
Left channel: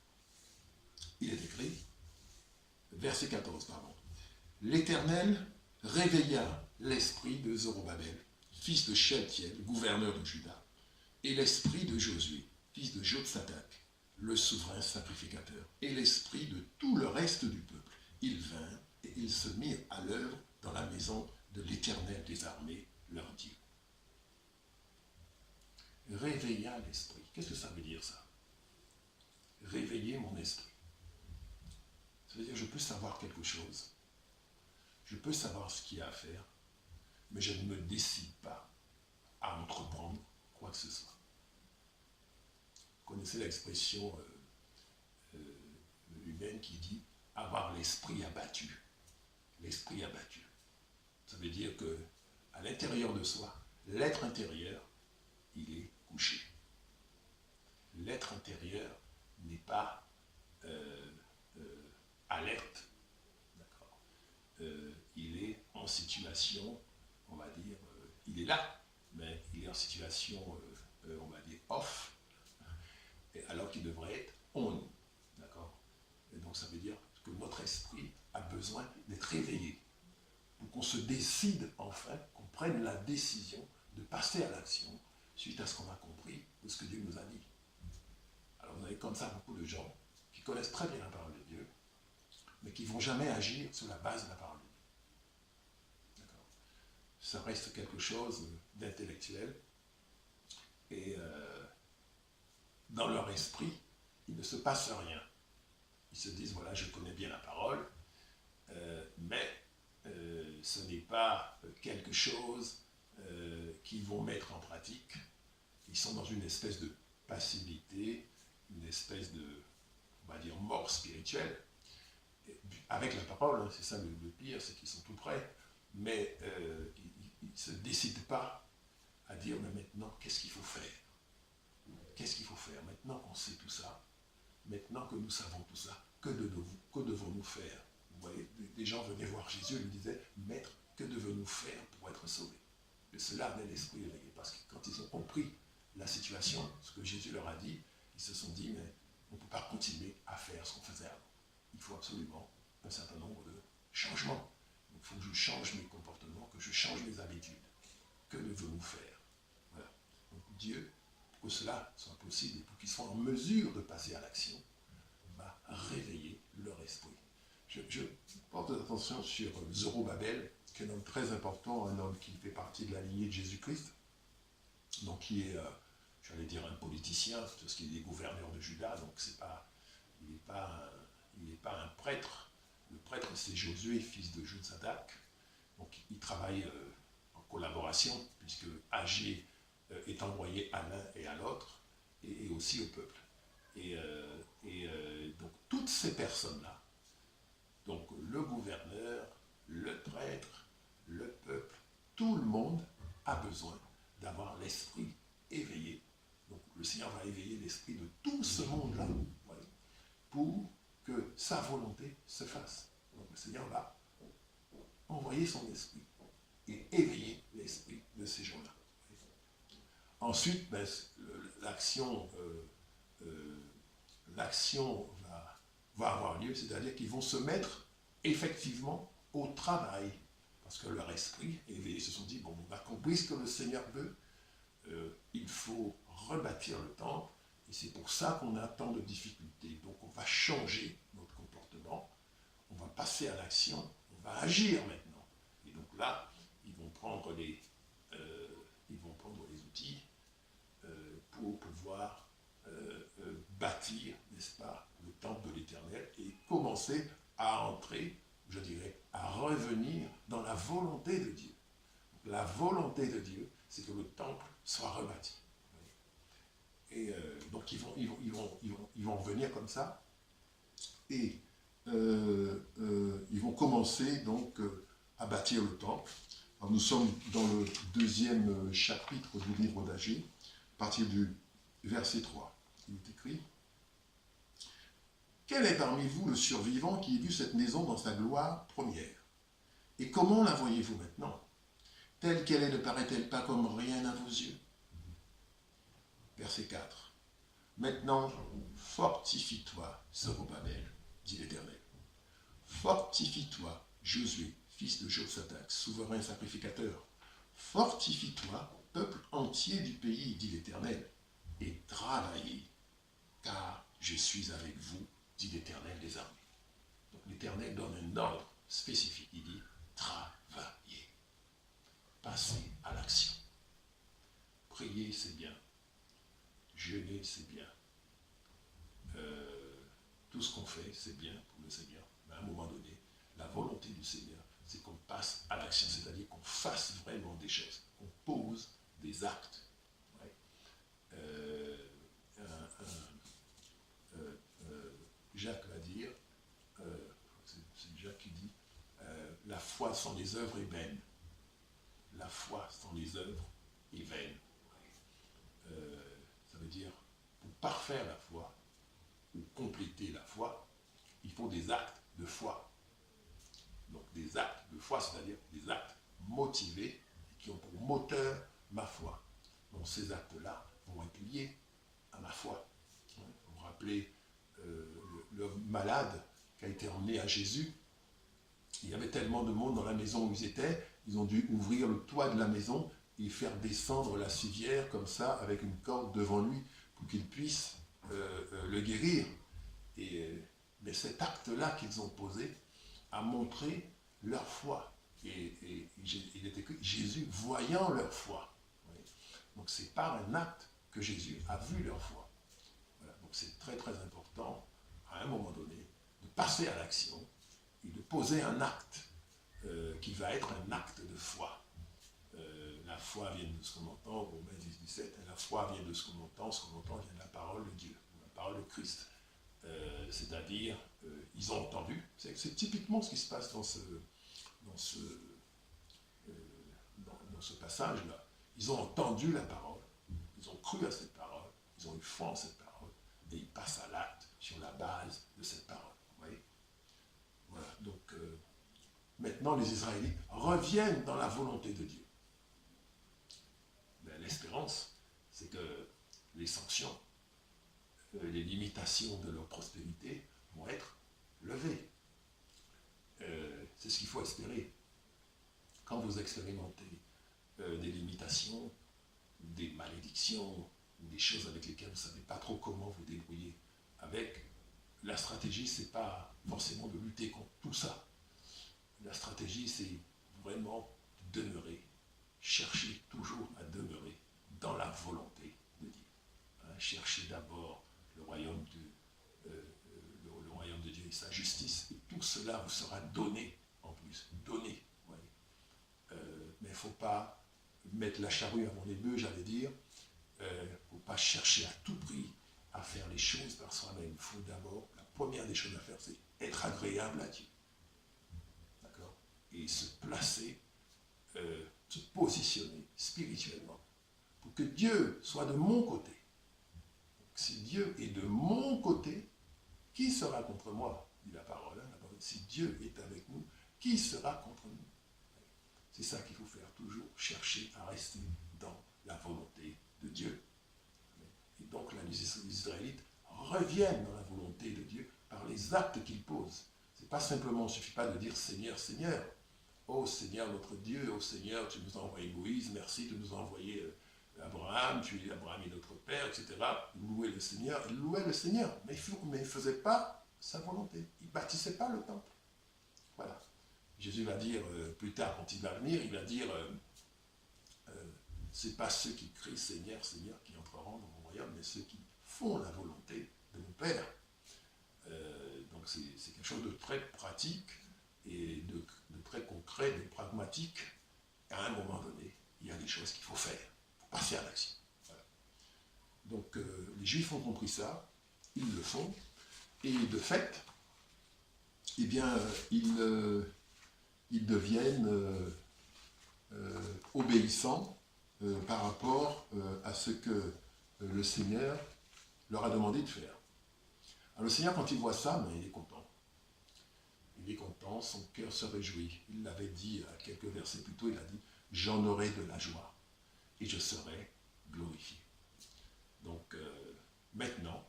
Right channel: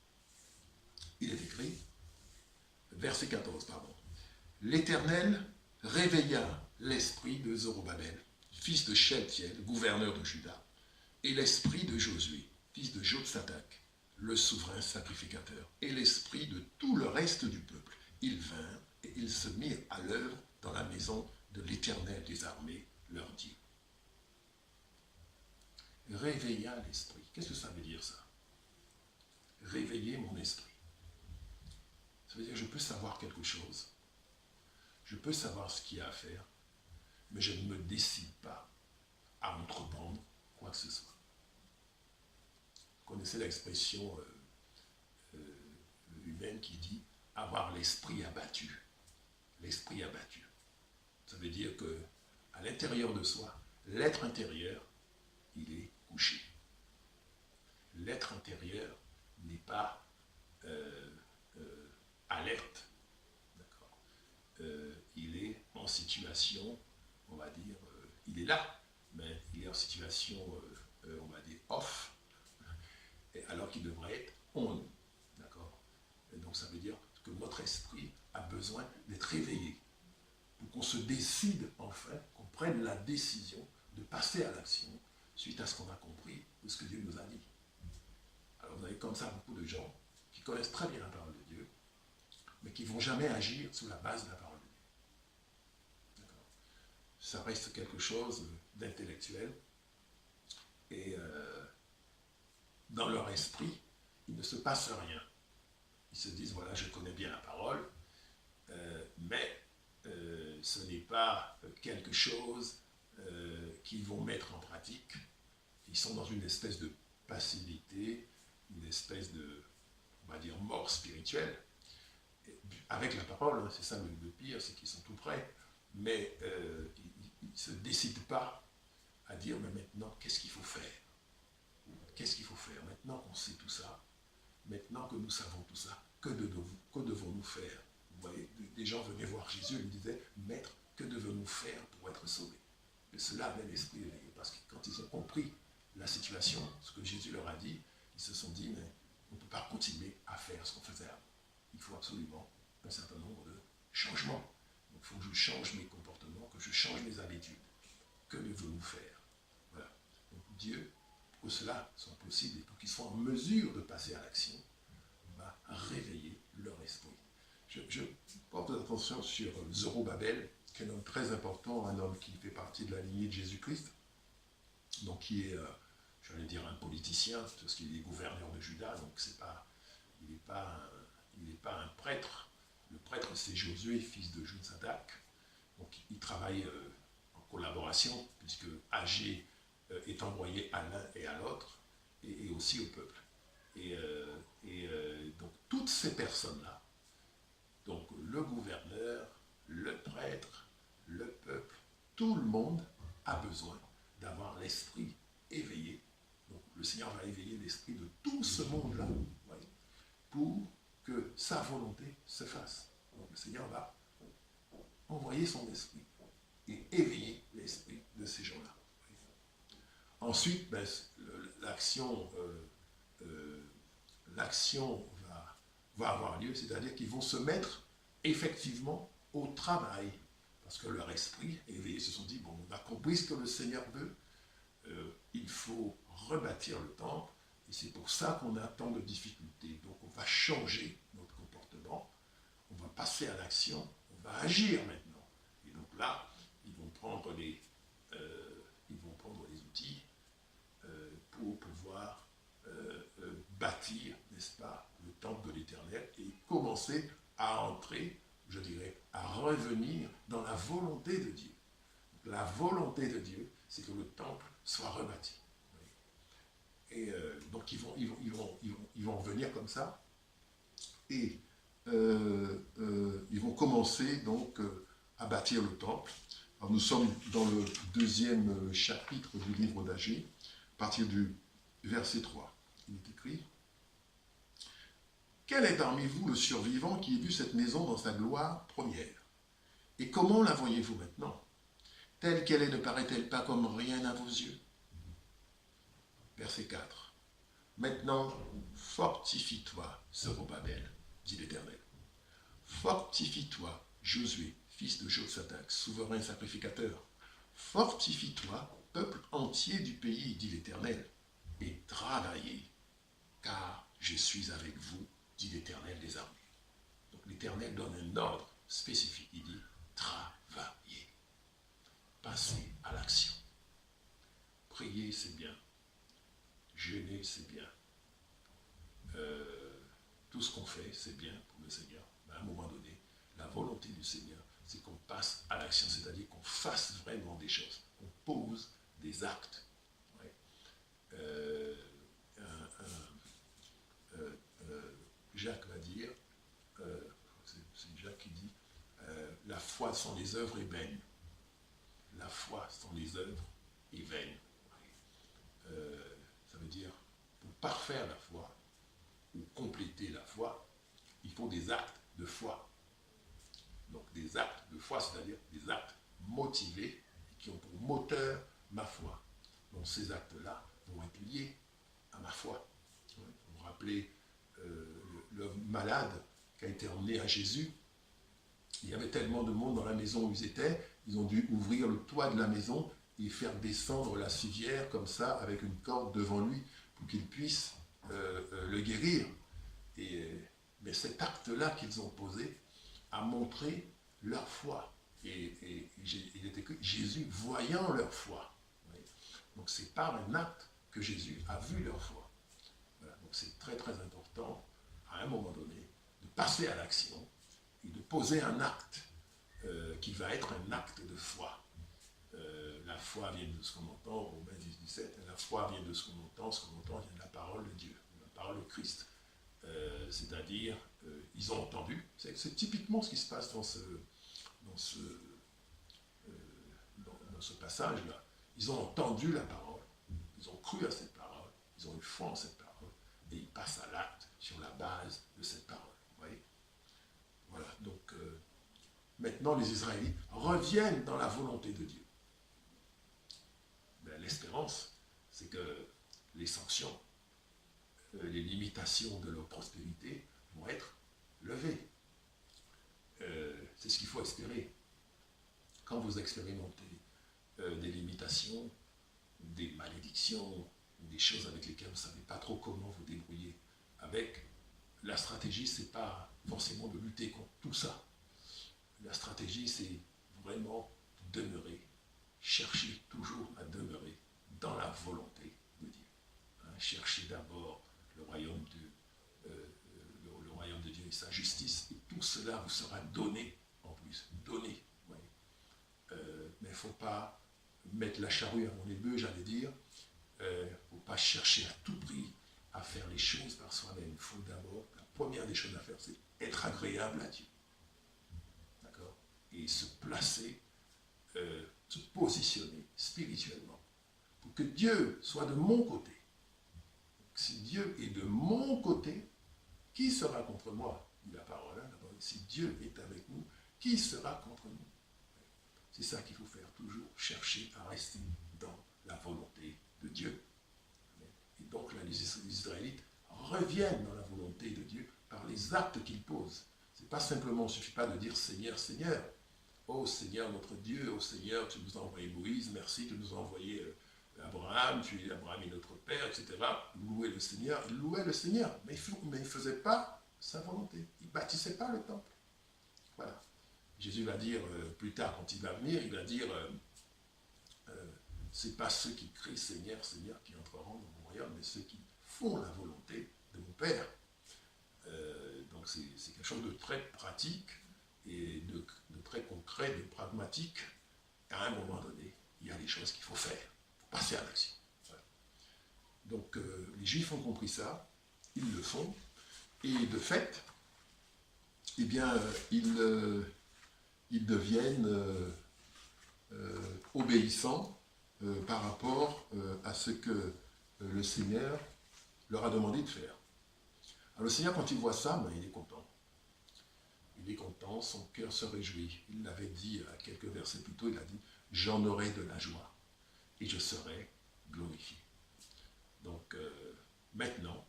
Il est écrit, verset 14, pardon. L'Éternel réveilla l'esprit de Zorobabel, fils de Shealtiel, gouverneur de Juda, et l'esprit de Josué, fils de Jotsadak, le souverain sacrificateur, et l'esprit de tout le reste du peuple. Ils vinrent et ils se mirent à l'œuvre dans la maison de l'Éternel des armées, leur Dieu. Réveilla l'esprit. Qu'est-ce que ça veut dire, ça? Réveiller mon esprit. Ça veut dire que je peux savoir quelque chose, je peux savoir ce qu'il y a à faire, mais je ne me décide pas à entreprendre quoi que ce soit. Vous connaissez l'expression humaine qui dit avoir l'esprit abattu. L'esprit abattu. Ça veut dire que à l'intérieur de soi, l'être intérieur, il est couché. L'être intérieur n'est pas alerte. D'accord. Il est en situation, on va dire, il est là, mais il est en situation, on va dire, off, alors qu'il devrait être on. D'accord. Et donc ça veut dire que notre esprit a besoin d'être réveillé pour qu'on se décide enfin, qu'on prenne la décision de passer à l'action suite à ce qu'on a compris de ce que Dieu nous a dit. Alors vous avez comme ça beaucoup de gens qui connaissent très bien la parole de Dieu, mais qui ne vont jamais agir sur la base de la parole de Dieu. D'accord. Ça reste quelque chose d'intellectuel, et dans leur esprit, il ne se passe rien. Ils se disent, voilà, je connais bien la parole, mais ce n'est pas quelque chose qu'ils vont mettre en pratique. Ils sont dans une espèce de passivité, une espèce de, on va dire, mort spirituelle. Avec la parole, hein, c'est ça le pire, c'est qu'ils sont tout prêts, mais ils ne se décident pas à dire, mais maintenant, qu'est-ce qu'il faut faire? Qu'est-ce qu'il faut faire? Maintenant qu'on sait tout ça, maintenant que nous savons tout ça, que devons-nous faire? Vous voyez, des gens venaient voir Jésus et lui disaient, Maître, que devons-nous faire pour être sauvés? Et cela avait l'esprit éveillé, parce que quand ils ont compris la situation, ce que Jésus leur a dit, ils se sont dit, mais on ne peut pas continuer à faire ce qu'on faisait avant. Il faut absolument un certain nombre de changements. Donc il faut que je change mes comportements, que je change mes habitudes. Que devons-nous faire? Voilà. Donc Dieu, pour que cela soit possible et pour qu'ils soient en mesure de passer à l'action, va réveiller leur esprit. Je porte attention sur Zorobabel, qui est un homme très important, un homme qui fait partie de la lignée de Jésus-Christ, donc qui est, j'allais dire, un politicien, parce qu'il est gouverneur de Juda, donc il n'est pas un prêtre. Le prêtre, c'est Josué, fils de Jotsadak. Donc il travaille en collaboration, puisque Agée est envoyé à l'un et à l'autre, et aussi au peuple. Donc toutes ces personnes-là, donc le gouverneur, le prêtre, le peuple, tout le monde a besoin d'avoir l'esprit éveillé. Donc le Seigneur va éveiller l'esprit de tout ce monde-là, pour que sa volonté se fasse. Donc le Seigneur va envoyer son esprit et éveiller l'esprit de ces gens-là. Ensuite, l'action va avoir lieu, c'est-à-dire qu'ils vont se mettre effectivement au travail, parce que leur esprit éveillé se sont dit, bon, on a compris ce que le Seigneur veut, il faut rebâtir le temple, et c'est pour ça qu'on a tant de difficultés. Donc on va changer notre comportement, on va passer à l'action, on va agir maintenant. Et donc là, ils vont prendre les outils pour pouvoir bâtir, n'est-ce pas, le temple de l'Éternel et commencer à entrer, je dirais, à revenir dans la volonté de Dieu. Donc, la volonté de Dieu, c'est que le temple soit rebâti. Et donc ils vont venir comme ça et ils vont commencer donc à bâtir le temple. Alors, nous sommes dans le 2e chapitre du livre d'Agée, à partir du verset 3. Il est écrit: Quel est parmi vous le survivant qui ait vu cette maison dans sa gloire première? Et comment la voyez-vous maintenant? Telle qu'elle est, ne paraît-elle pas comme rien à vos yeux? Verset 4. Maintenant, fortifie-toi, Zorobabel, dit l'Éternel. Fortifie-toi, Josué, fils de Josaphat, souverain sacrificateur. Fortifie-toi, peuple entier du pays, dit l'Éternel, et travaillez, car je suis avec vous, dit l'Éternel des armées. Donc l'Éternel donne un ordre spécifique. Il dit travaillez, passez à l'action. Prier, c'est bien. Jeûner, c'est bien. Tout ce qu'on fait, c'est bien pour le Seigneur. Mais à un moment donné, la volonté du Seigneur, c'est qu'on passe à l'action, c'est-à-dire qu'on fasse vraiment des choses, qu'on pose des actes. Ouais. Jacques va dire, c'est Jacques qui dit, la foi sans les œuvres est vaine. La foi sans les œuvres est vaine. Ouais. Ça veut dire, pour parfaire la foi, ou compléter la foi, il faut des actes de foi. Donc des actes de foi, c'est-à-dire des actes motivés qui ont pour moteur ma foi. Donc ces actes-là vont être liés à ma foi. Vous vous rappelez le malade qui a été emmené à Jésus. Il y avait tellement de monde dans la maison où ils étaient, ils ont dû ouvrir le toit de la maison et faire descendre la civière comme ça avec une corde devant lui pour qu'il puisse le guérir. Mais cet acte-là qu'ils ont posé a montré leur foi. Et il était écrit Jésus voyant leur foi. Donc c'est par un acte que Jésus a vu leur foi. Voilà. Donc c'est très très important à un moment donné de passer à l'action et de poser un acte qui va être un acte de foi. La foi vient de ce qu'on entend, Romains 10, 17, la foi vient de ce qu'on entend vient de la parole de Dieu, de la parole de Christ. C'est-à-dire, ils ont entendu, c'est typiquement ce qui se passe dans ce passage-là. Ils ont entendu la parole, ils ont cru à cette parole, ils ont eu foi en cette parole, et ils passent à l'acte sur la base de cette parole. Vous voyez? Voilà, donc maintenant les Israélites reviennent dans la volonté de Dieu. Ben, l'espérance, c'est que les sanctions, les limitations de leur prospérité vont être levées. C'est ce qu'il faut espérer. Quand vous expérimentez des limitations, des malédictions, des choses avec lesquelles vous ne savez pas trop comment vous débrouiller avec, la stratégie, ce n'est pas forcément de lutter contre tout ça. La stratégie, c'est vraiment demeurer, chercher toujours à demeurer dans la volonté de Dieu. Cherchez d'abord le royaume de Dieu et sa justice, et tout cela vous sera donné en plus. Donné. Mais il ne faut pas mettre la charrue avant les bœufs, j'allais dire. Il ne faut pas chercher à tout prix à faire les choses par soi-même. Il faut d'abord, la première des choses à faire, c'est être agréable à Dieu. D'accord? Et se placer, se positionner spirituellement pour que Dieu soit de mon côté. Si Dieu est de mon côté, qui sera contre moi? Dit la parole. Si Dieu est avec nous, qui sera contre nous? C'est ça qu'il faut faire, toujours chercher à rester dans la volonté de Dieu. Et donc là, les Israélites reviennent dans la volonté de Dieu par les actes qu'ils posent. C'est pas simplement, il ne suffit pas de dire Seigneur, Seigneur. Oh Seigneur notre Dieu, oh Seigneur, tu nous as envoyé Moïse, merci, tu nous as envoyé Abraham, Abraham est notre Père, etc. Louer le Seigneur, il louait le Seigneur, mais il ne faisait pas sa volonté. Il ne bâtissait pas le temple. Voilà. Jésus va dire plus tard, quand il va venir, il va dire c'est pas ceux qui crient Seigneur, Seigneur qui entreront dans mon royaume, mais ceux qui font la volonté de mon Père. Donc c'est quelque chose de très pratique et de très concret, de pragmatique. À un moment donné, il y a des choses qu'il faut faire. Il faut passer à l'action. Voilà. Donc les Juifs ont compris ça, ils le font, et de fait, eh bien, ils deviennent obéissants par rapport à ce que le Seigneur leur a demandé de faire. Alors le Seigneur, quand il voit ça, ben, il est content. Il est content, son cœur se réjouit. Il l'avait dit à quelques versets plus tôt, il a dit j'en aurai de la joie et je serai glorifié. Donc maintenant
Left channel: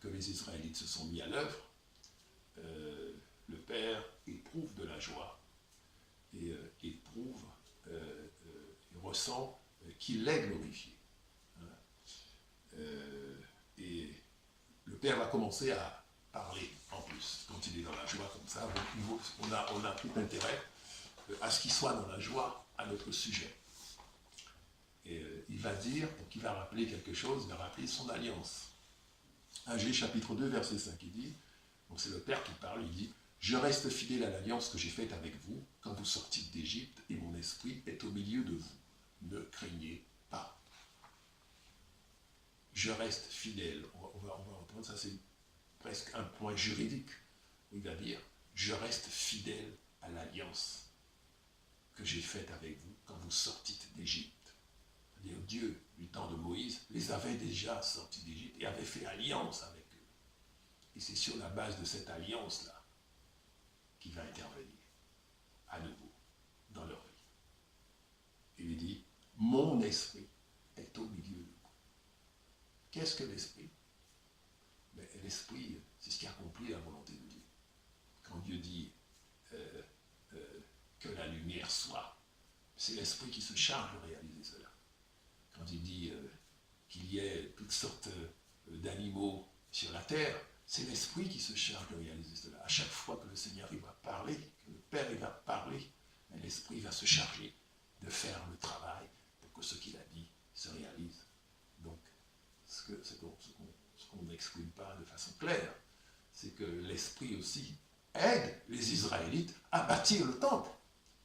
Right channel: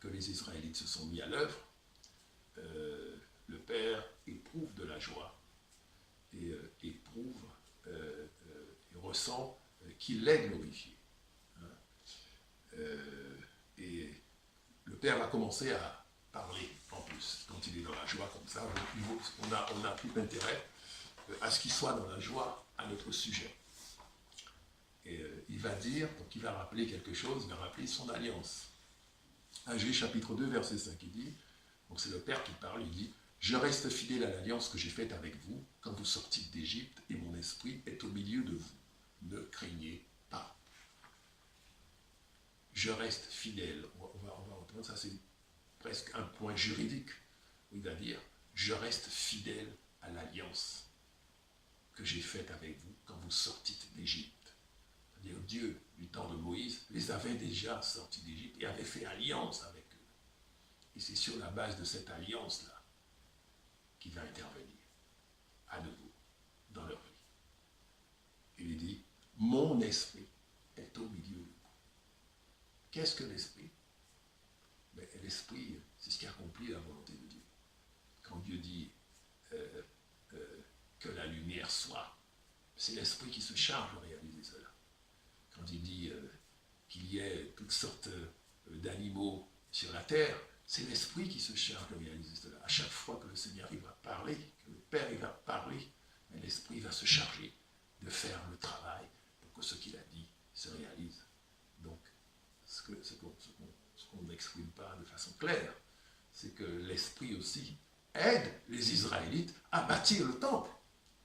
que les Israélites se sont mis à l'œuvre, le Père éprouve de la joie et éprouve et ressent qu'il est glorifié. Et le Père va commencer à parler en plus, quand il est dans la joie comme ça. Donc, on a tout intérêt à ce qu'il soit dans la joie à notre sujet. Et il va dire, donc il va rappeler quelque chose, il va rappeler son alliance. Agé chapitre 2, verset 5, il dit, donc c'est le Père qui parle, il dit, « Je reste fidèle à l'alliance que j'ai faite avec vous quand vous sortîtes d'Égypte et mon esprit est au milieu de vous. Ne craignez pas. » Je reste fidèle. On va reprendre ça, c'est presque un point juridique où il va dire, « Je reste fidèle à l'alliance que j'ai faite avec vous quand vous sortîtes d'Égypte. » C'est-à-dire Dieu, du temps de Moïse, les avait déjà sortis d'Égypte et avait fait alliance avec eux. Et c'est sur la base de cette alliance-là qu'il va intervenir à nouveau dans leur vie. Il lui dit, « Mon esprit est au milieu de vous. » Qu'est-ce que l'esprit? L'esprit, c'est ce qui accomplit la volonté de Dieu. Quand Dieu dit que la lumière soit, c'est l'esprit qui se charge de réaliser cela. Quand il dit qu'il y ait toutes sortes d'animaux sur la terre, c'est l'esprit qui se charge de réaliser cela. À chaque fois que le Seigneur il va parler, que le Père il va parler, l'esprit va se charger de faire le travail pour que ce qu'il a dit se réalise. Donc, ce qu'on n'exprime pas de façon claire, c'est que l'esprit aussi aide les Israélites à bâtir le temple.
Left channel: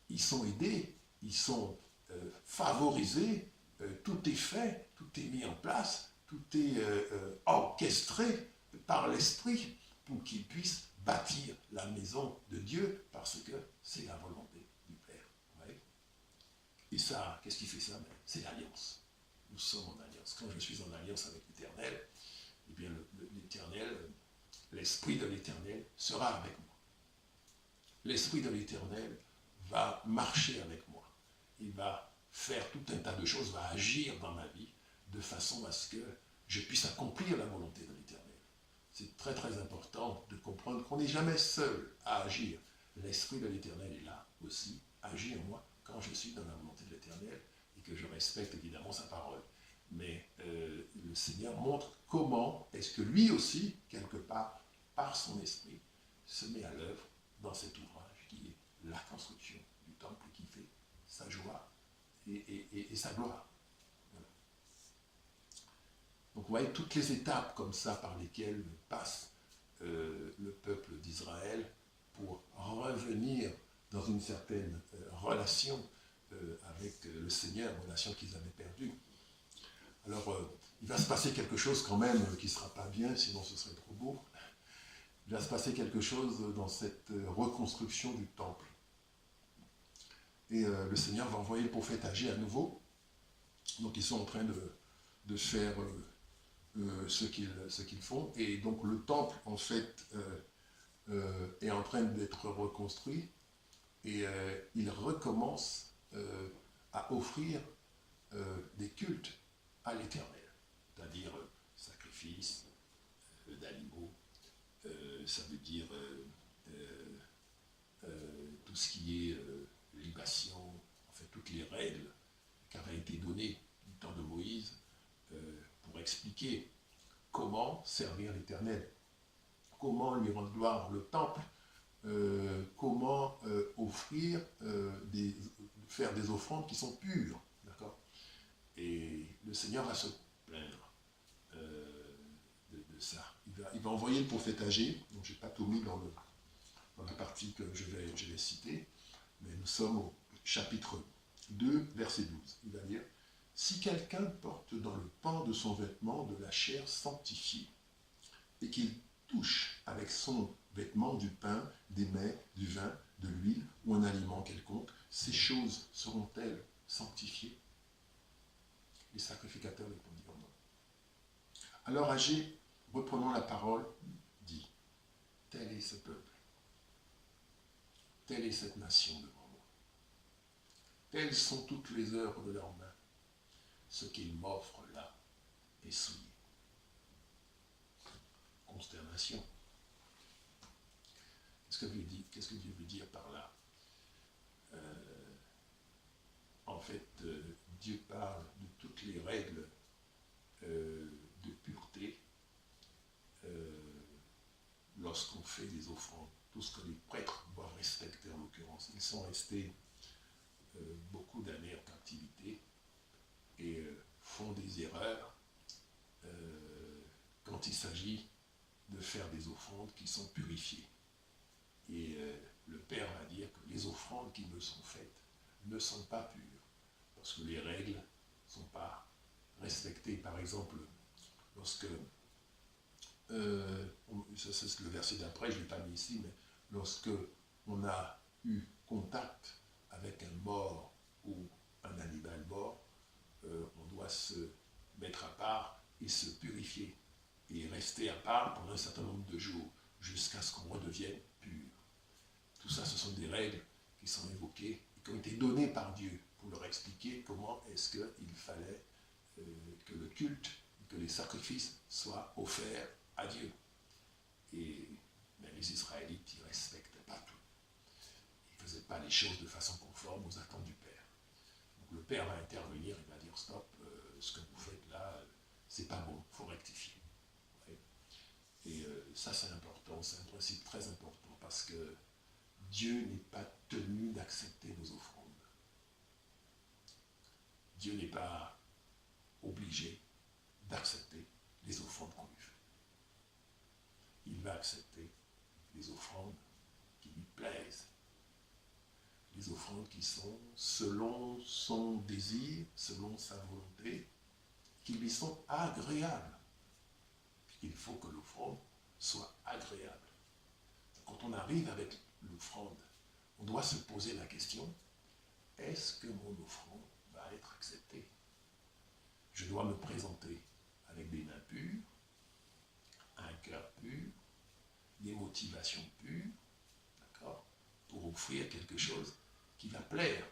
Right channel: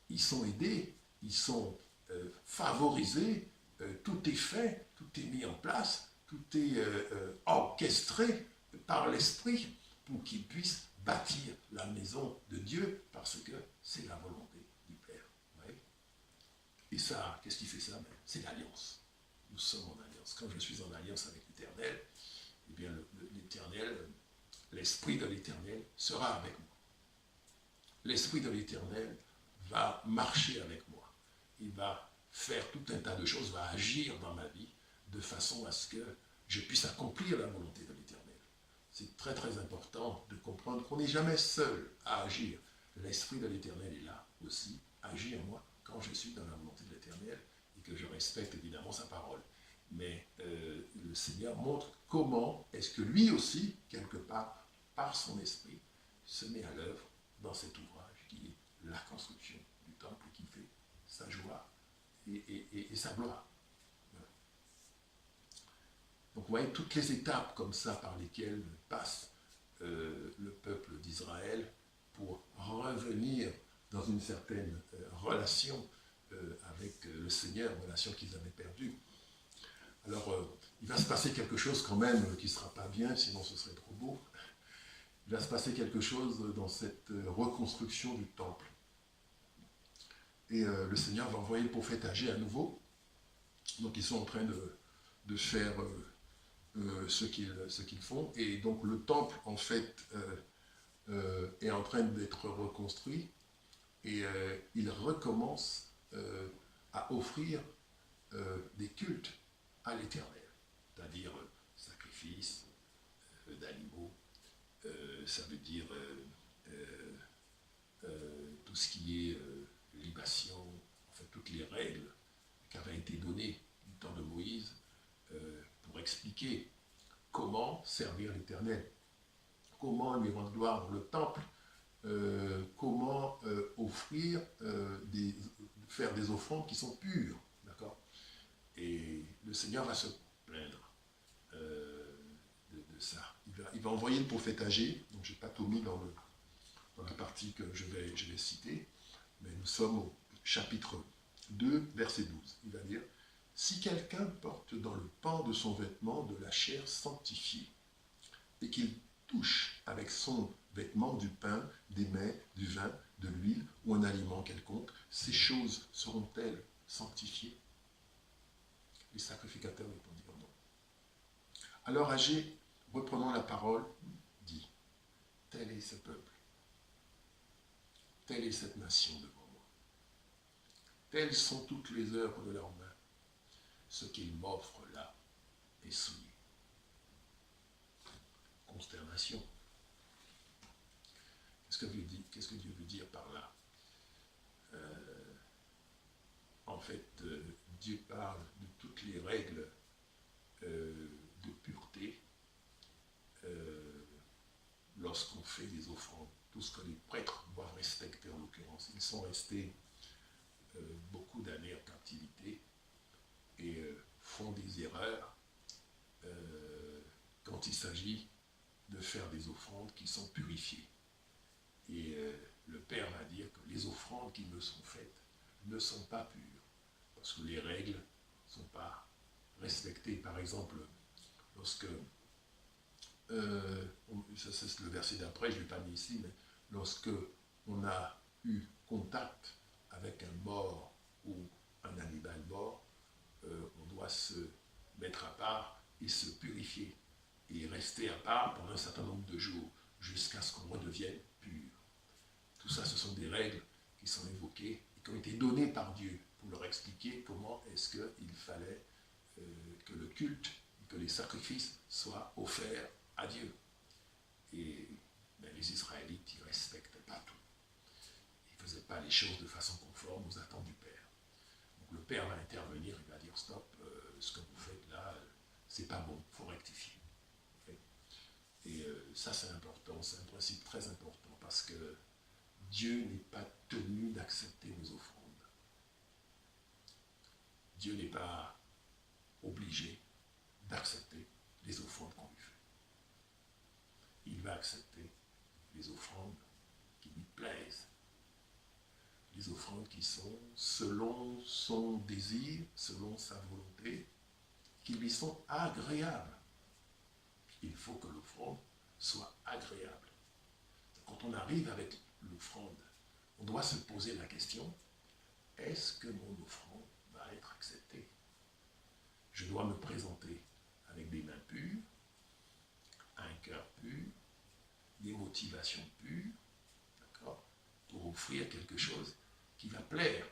Ils sont aidés, ils sont favorisés, tout est fait, tout est mis en place, tout est orchestré par l'esprit pour qu'ils puissent bâtir la maison de Dieu parce que c'est la volonté du Père. Ouais. Et ça, qu'est-ce qui fait ça? C'est l'alliance. Nous sommes en alliance. Quand je suis en alliance avec l'Éternel, eh bien l'Éternel, l'Esprit de l'Éternel sera avec moi. L'Esprit de l'Éternel va marcher avec moi. Il va faire tout un tas de choses, va agir dans ma vie de façon à ce que je puisse accomplir la volonté de l'Éternel. C'est très très important de comprendre qu'on n'est jamais seul à agir. L'Esprit de l'Éternel est là aussi, agit en moi quand je suis dans la volonté de l'Éternel et que je respecte évidemment sa parole. Mais le Seigneur montre comment est-ce que lui aussi, quelque part, par son esprit, se met à l'œuvre dans cet ouvrage qui est la construction du temple et qui fait sa joie et sa gloire. Voilà. Donc vous voyez toutes les étapes comme ça par lesquelles passe le peuple d'Israël pour revenir dans une certaine relation avec le Seigneur, relation qu'ils avaient perdue. Alors, il va se passer quelque chose quand même qui ne sera pas bien, sinon ce serait trop beau. Il va se passer quelque chose dans cette reconstruction du temple. Et le Seigneur va envoyer le prophète Agé à nouveau. Donc, ils sont en train de faire ce qu'ils font. Et donc, le temple, en fait, est en train d'être reconstruit. Et il recommence à offrir des cultes à l'Éternel, c'est-à-dire sacrifice d'animaux, ça veut dire tout ce qui est libation, en fait toutes les règles qui avaient été données du temps de Moïse pour expliquer comment servir l'Éternel, comment lui rendre gloire dans le temple, comment offrir, faire des offrandes qui sont pures, d'accord? Et le Seigneur va se plaindre de ça. Il va envoyer le prophète Agé, donc je n'ai pas tout mis dans la partie que je vais citer, mais nous sommes au chapitre 2, verset 12. Il va dire, « Si quelqu'un porte dans le pan de son vêtement de la chair sanctifiée, et qu'il touche avec son vêtement du pain, des mets, du vin, de l'huile ou un aliment quelconque, ces choses seront-elles sanctifiées ?» Les sacrificateurs répondirent non. Alors Agé, reprenant la parole, dit, « Tel est ce peuple, telle est cette nation devant moi. Telles sont toutes les œuvres de leurs mains. Ce qu'ils m'offrent là est souillé. Consternation. Qu'est-ce que Dieu veut dire par là? En fait, Dieu parle de toutes les règles de pureté lorsqu'on fait des offrandes. Tout ce que les prêtres doivent respecter en l'occurrence. Ils sont restés beaucoup d'années en captivité et font des erreurs quand il s'agit de faire des offrandes qui sont purifiées. Et le Père va dire que les offrandes qui me sont faites ne sont pas pures, parce que les règles ne sont pas respectées. Par exemple, lorsque, ça c'est le verset d'après, je ne l'ai pas mis ici, mais lorsque on a eu contact avec un mort ou un animal mort, on doit se mettre à part et se purifier, et rester à part pendant un certain nombre de jours, jusqu'à ce qu'on redevienne pur. Tout ça, ce sont des règles qui sont évoquées et qui ont été données par Dieu pour leur expliquer comment est-ce qu'il fallait que le culte et que les sacrifices soient offerts à Dieu. Et les Israélites, ils ne respectaient pas tout. Ils ne faisaient pas les choses de façon conforme aux attentes du Père. Donc le Père va intervenir, il va dire stop, ce que vous faites là, c'est pas bon, il faut rectifier. Et ça c'est important, c'est un principe très important parce que Dieu n'est pas tenu d'accepter nos offrandes. Dieu n'est pas obligé d'accepter les offrandes qu'on lui fait. Il va accepter les offrandes qui lui plaisent. Les offrandes qui sont selon son désir, selon sa volonté, qui lui sont agréables. Il faut que l'offrande soit agréable. Quand on arrive avec l'offrande, on doit se poser la question, est-ce que mon offrande va être acceptée? Je dois me présenter avec des mains pures, un cœur pur, des motivations pures, d'accord, pour offrir quelque chose qui va plaire.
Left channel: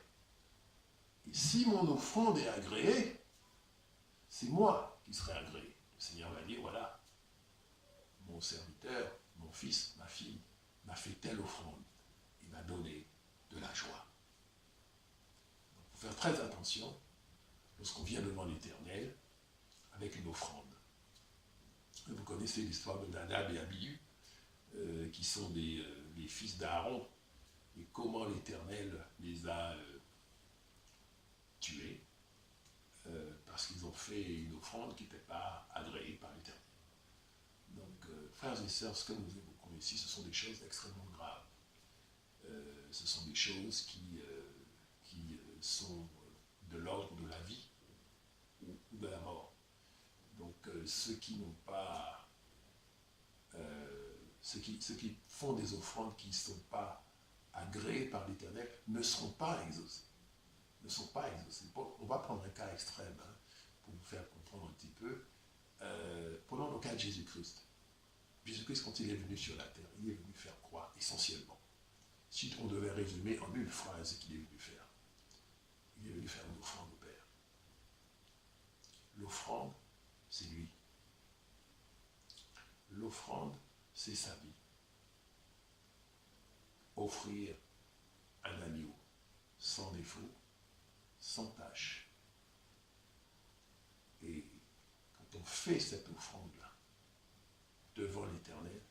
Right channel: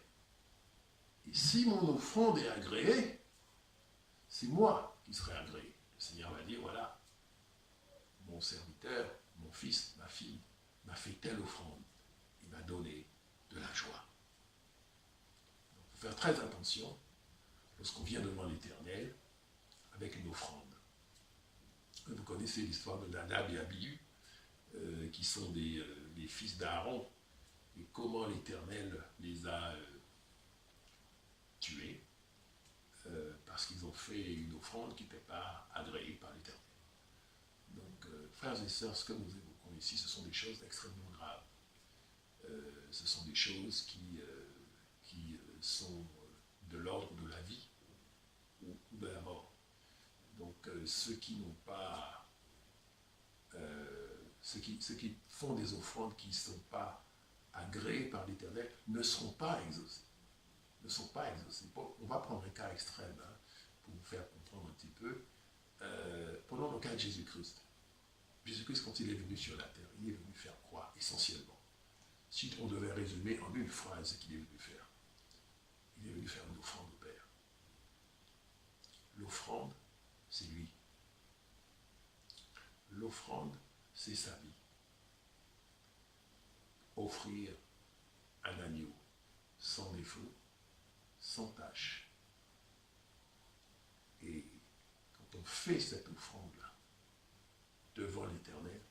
Et si mon offrande est agréée, c'est moi qui serai agréé. Le Seigneur va dire, voilà, mon serviteur, mon fils, ma fille, m'a fait telle offrande. Il m'a donné de la joie. Il faut faire très attention lorsqu'on vient devant l'Éternel avec une offrande. Vous connaissez l'histoire de Nadab et Abihu, qui sont les fils d'Aaron, et comment l'Éternel les a tués, parce qu'ils ont fait une offrande qui n'était pas agréée par l'Éternel. Donc, frères et sœurs, ce que nous évoquons ici, ce sont des choses extrêmement graves. Ce sont des choses qui sont de l'ordre de la vie ou de la mort. Donc, ceux qui n'ont pas... ceux qui font des offrandes qui ne sont pas agréées par l'Éternel ne seront pas exaucés. Ne sont pas exaucés. On va prendre un cas extrême pour vous faire comprendre un petit peu. Prenons le cas de Jésus-Christ. Jésus-Christ, quand il est venu sur la terre, il est venu faire quoi, essentiellement? Si on devait résumer en une phrase ce qu'il est venu faire, il est venu faire une offrande au Père. L'offrande, c'est lui. L'offrande, c'est sa vie. Offrir un agneau sans défaut, sans tache. Et quand on fait cette offrande-là, devant l'Éternel,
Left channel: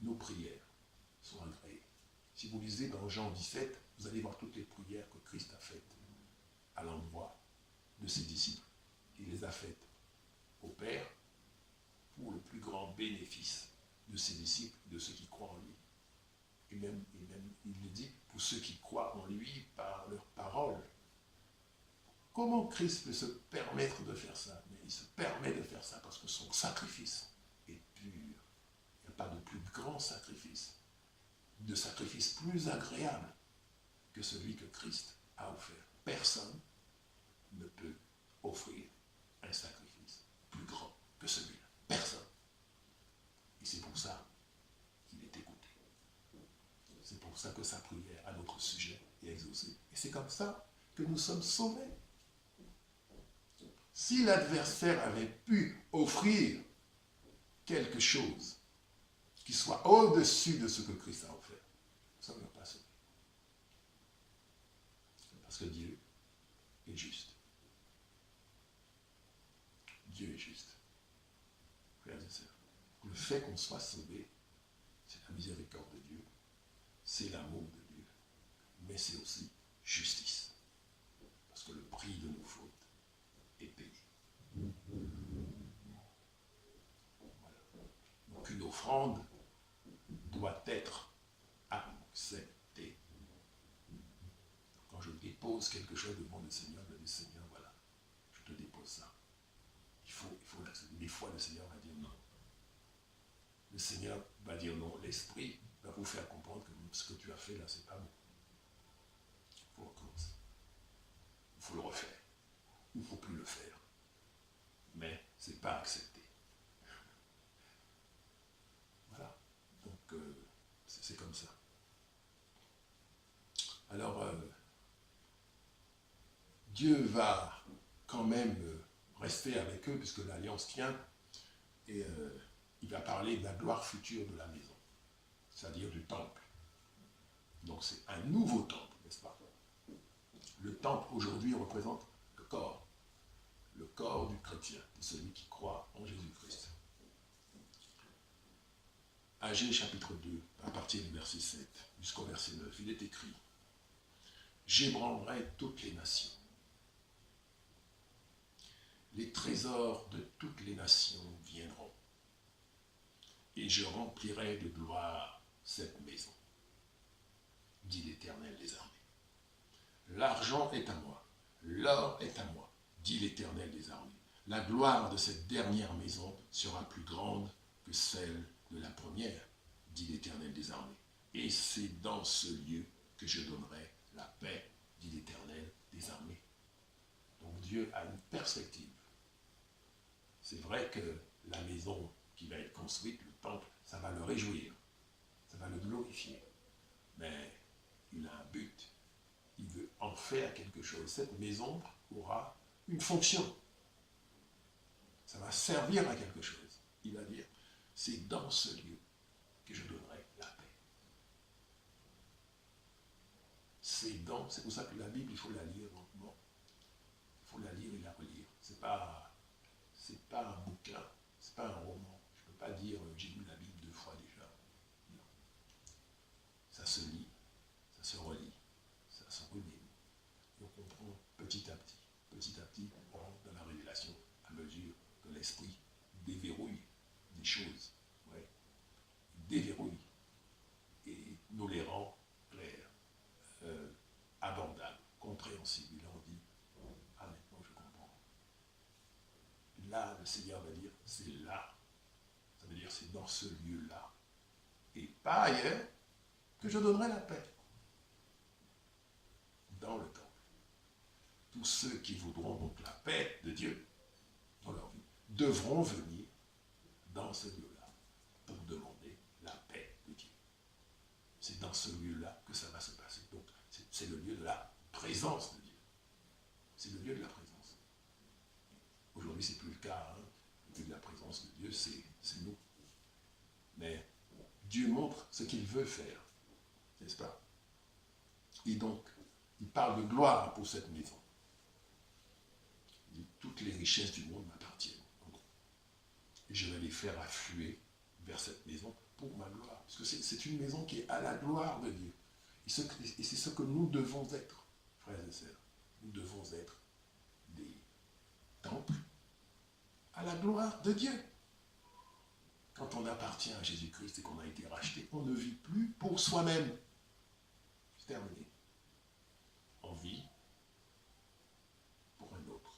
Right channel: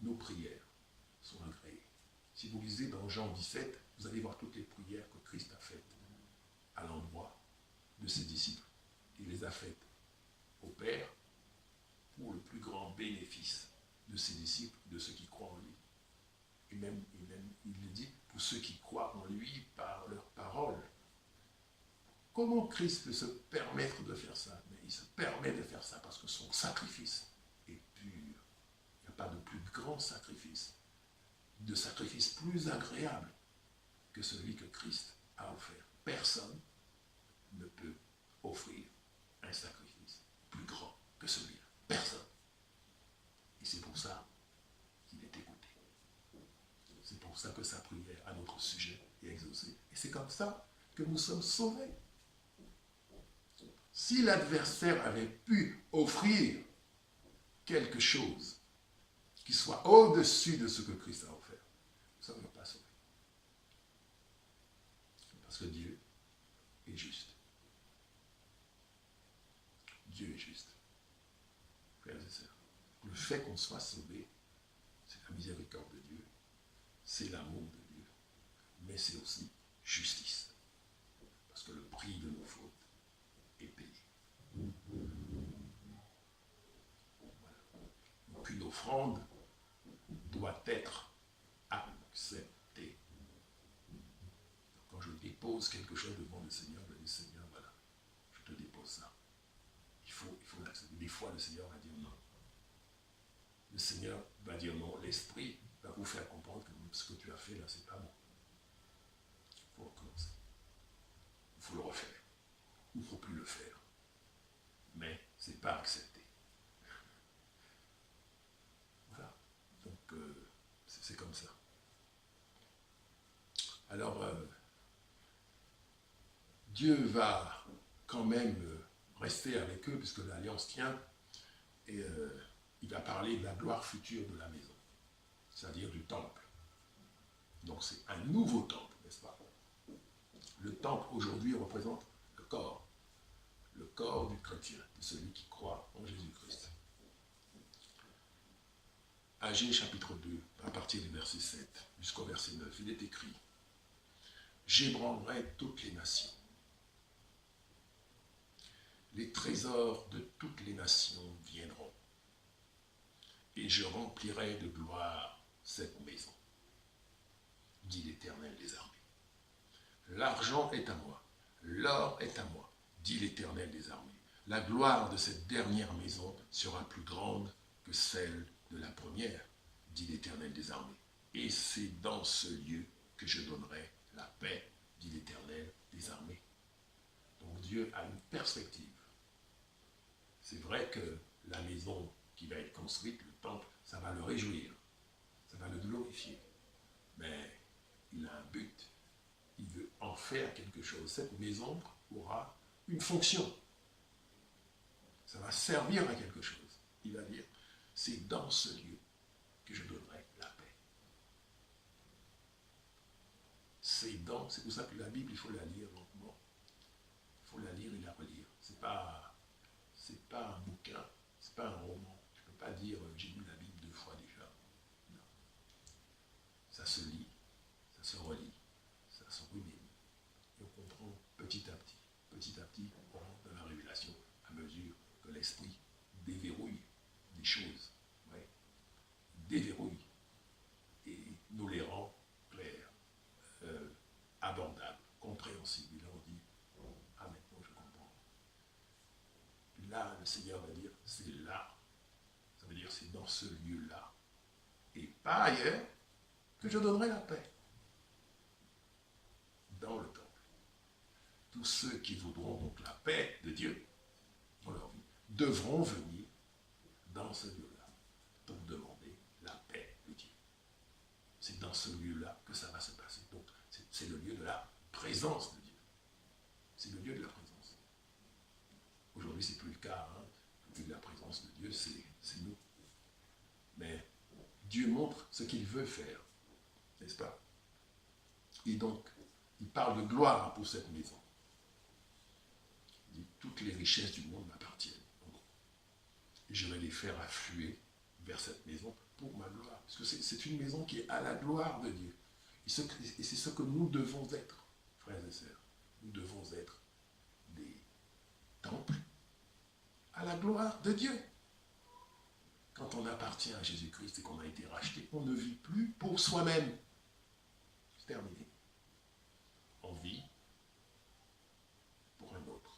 nos prières sont agréées. Si vous lisez dans Jean 17, vous allez voir toutes les prières que Christ a faites à l'endroit de ses disciples. Il les a faites au Père pour le plus grand bénéfice de ses disciples, de ceux qui croient en lui. Et même il le dit, pour ceux qui croient en lui par leur parole. Comment Christ peut se permettre de faire ça? Mais il se permet de faire ça parce que son sacrifice est pur. Il n'y a pas de plus grand sacrifice, de sacrifice plus agréable que celui que Christ a offert. Personne ne peut offrir un sacrifice plus grand que celui-là. Personne. Et c'est pour ça qu'il est écouté. C'est pour ça que sa prière à notre sujet est exaucée. Et c'est comme ça que nous sommes sauvés. Si l'adversaire avait pu offrir quelque chose qui soit au-dessus de ce que Christ a offert, nous ne serions pas sauvés. Parce que Dieu est juste. Dieu est juste. Frères et sœurs, le fait qu'on soit sauvé, c'est la miséricorde de Dieu, c'est l'amour de Dieu, mais c'est aussi justice. Parce que le prix de nos fautes est payé. Voilà. Donc une offrande doit être acceptée. Donc quand je dépose quelque chose devant le Seigneur, je dis Seigneur, voilà, je te dépose ça. Il faut l'accepter. Des fois, le Seigneur va dire non. Le Seigneur va dire non. L'Esprit va vous faire comprendre que ce que tu as fait là, c'est pas bon. Il faut recommencer. Il faut le refaire. Il ne faut plus le faire. Mais ce n'est pas accepté. Voilà. Donc, c'est comme ça. Alors, Dieu va quand même rester avec eux, puisque l'alliance tient, et il va parler de la gloire future de la maison, c'est-à-dire du temple. Donc c'est un nouveau temple, n'est-ce pas? Le temple aujourd'hui représente le corps du chrétien, de celui qui croit en Jésus-Christ. Agée chapitre 2, à partir du verset 7 jusqu'au verset 9, il est écrit « J'ébranlerai toutes les nations. Les trésors de toutes les nations viendront, et je remplirai de gloire cette maison, dit l'Éternel des armées. L'argent est à moi, l'or est à moi, dit l'Éternel des armées. La gloire de cette dernière maison sera plus grande que celle de la première, dit l'Éternel des armées. Et c'est dans ce lieu que je donnerai la paix, dit l'Éternel des armées. Donc Dieu a une perspective. C'est vrai que la maison qui va être construite, le temple, ça va le réjouir, ça va le glorifier. Mais il a un but, il veut en faire quelque chose. Cette maison aura une fonction. Ça va servir à quelque chose. Il va dire, c'est dans ce lieu que je donnerai la paix. C'est pour ça que la Bible, il faut la lire lentement. Il faut la lire et la relire. C'est pas un bouquin, c'est pas un roman. Je ne peux pas dire j'ai lu la Bible 2 fois déjà. Non. Ça se lit, ça se relit, ça se remédite. Et on comprend petit à petit, on rentre dans la révélation à mesure que l'esprit déverrouille des choses. Ouais. Déverrouille et nous les rend clairs, abordables, compréhensibles. Et là on dit, ah maintenant je comprends. Là, le Seigneur va dire, c'est là. Ça veut dire, c'est dans ce lieu-là. Et pas ailleurs, que je donnerai la paix. Dans le temple. Tous ceux qui voudront donc la paix de Dieu dans leur vie devront venir dans ce lieu-là pour demander la paix de Dieu. C'est dans ce lieu-là que ça va se passer. Donc, c'est le lieu de la présence de Dieu. C'est le lieu de la présence. Aujourd'hui, ce n'est plus le cas. Hein. Le lieu de la présence de Dieu, c'est nous. Mais Dieu montre ce qu'il veut faire, n'est-ce pas? Et donc, il parle de gloire pour cette maison. Il dit, toutes les richesses du monde m'appartiennent. Et je vais les faire affluer vers cette maison pour ma gloire. Parce que c'est une maison qui est à la gloire de Dieu. Et c'est ce que nous devons être, frères et sœurs. Nous devons être des temples à la gloire de Dieu. Quand on appartient à Jésus-Christ et qu'on a été racheté, on ne vit plus pour soi-même. C'est terminé. On vit pour un autre.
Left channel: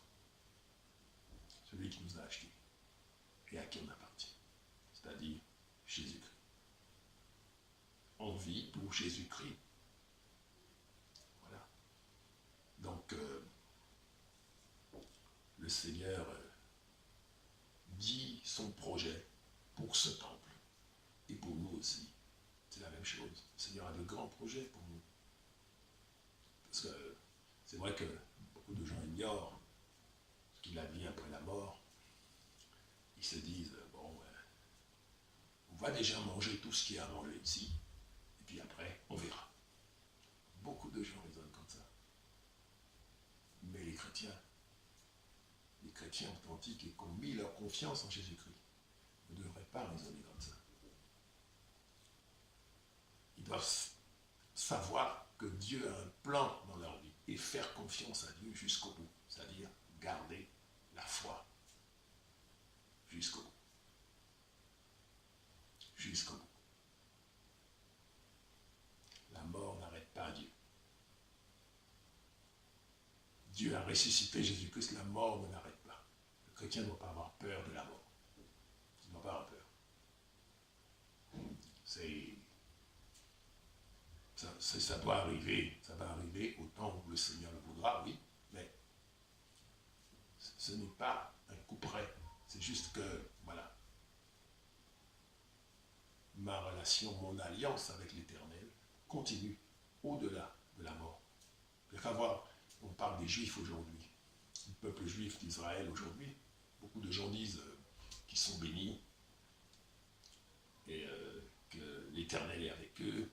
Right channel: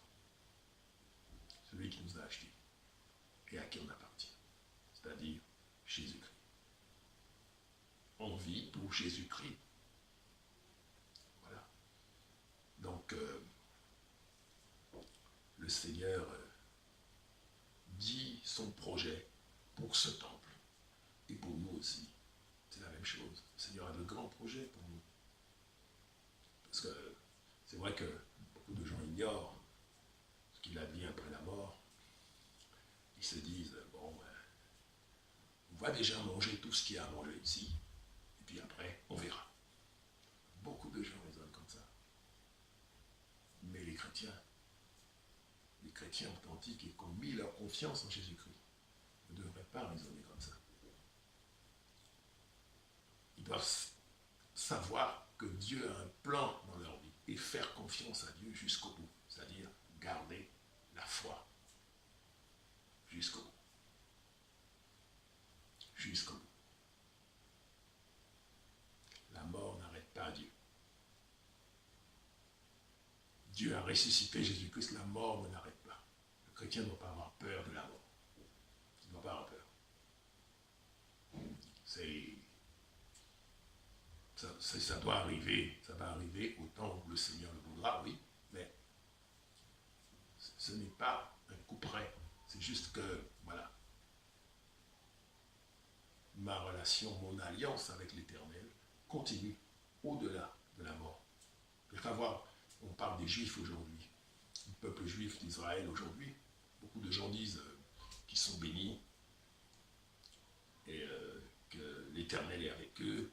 Celui qui nous a achetés et à qui on appartient. C'est-à-dire Jésus-Christ. On vit pour Jésus-Christ. Voilà. Donc, le Seigneur dit son projet pour ce temple. Et pour nous aussi, c'est la même chose. Le Seigneur a de grands projets pour nous. Parce que C'est vrai que beaucoup de gens ignorent ce qu'il advient après la mort. Ils se disent, bon, on va déjà manger tout ce qu'il y a à manger ici, et puis après, on verra. Beaucoup de gens raisonnent comme ça. Mais les chrétiens authentiques et qui ont mis leur confiance en Jésus-Christ, ne devraient pas raisonner comme ça. Ils doivent savoir que Dieu a un plan dans leur vie et faire confiance à Dieu jusqu'au bout, c'est-à-dire garder la foi jusqu'au bout. Jusqu'au bout. La mort n'arrête pas Dieu. Dieu a ressuscité Jésus-Christ, la mort ne l'arrête pas. Le chrétien ne doit pas avoir peur de la mort. Il ne doit pas avoir peur. Ça doit arriver, ça va arriver au temps où le Seigneur le voudra, oui, mais ce n'est pas un coup près. C'est juste que, voilà, ma relation, mon alliance avec l'Éternel continue au-delà de la mort. Il faut voir, on parle des Juifs aujourd'hui, le peuple juif d'Israël aujourd'hui. Beaucoup de gens disent qu'ils sont bénis et que l'Éternel est avec eux,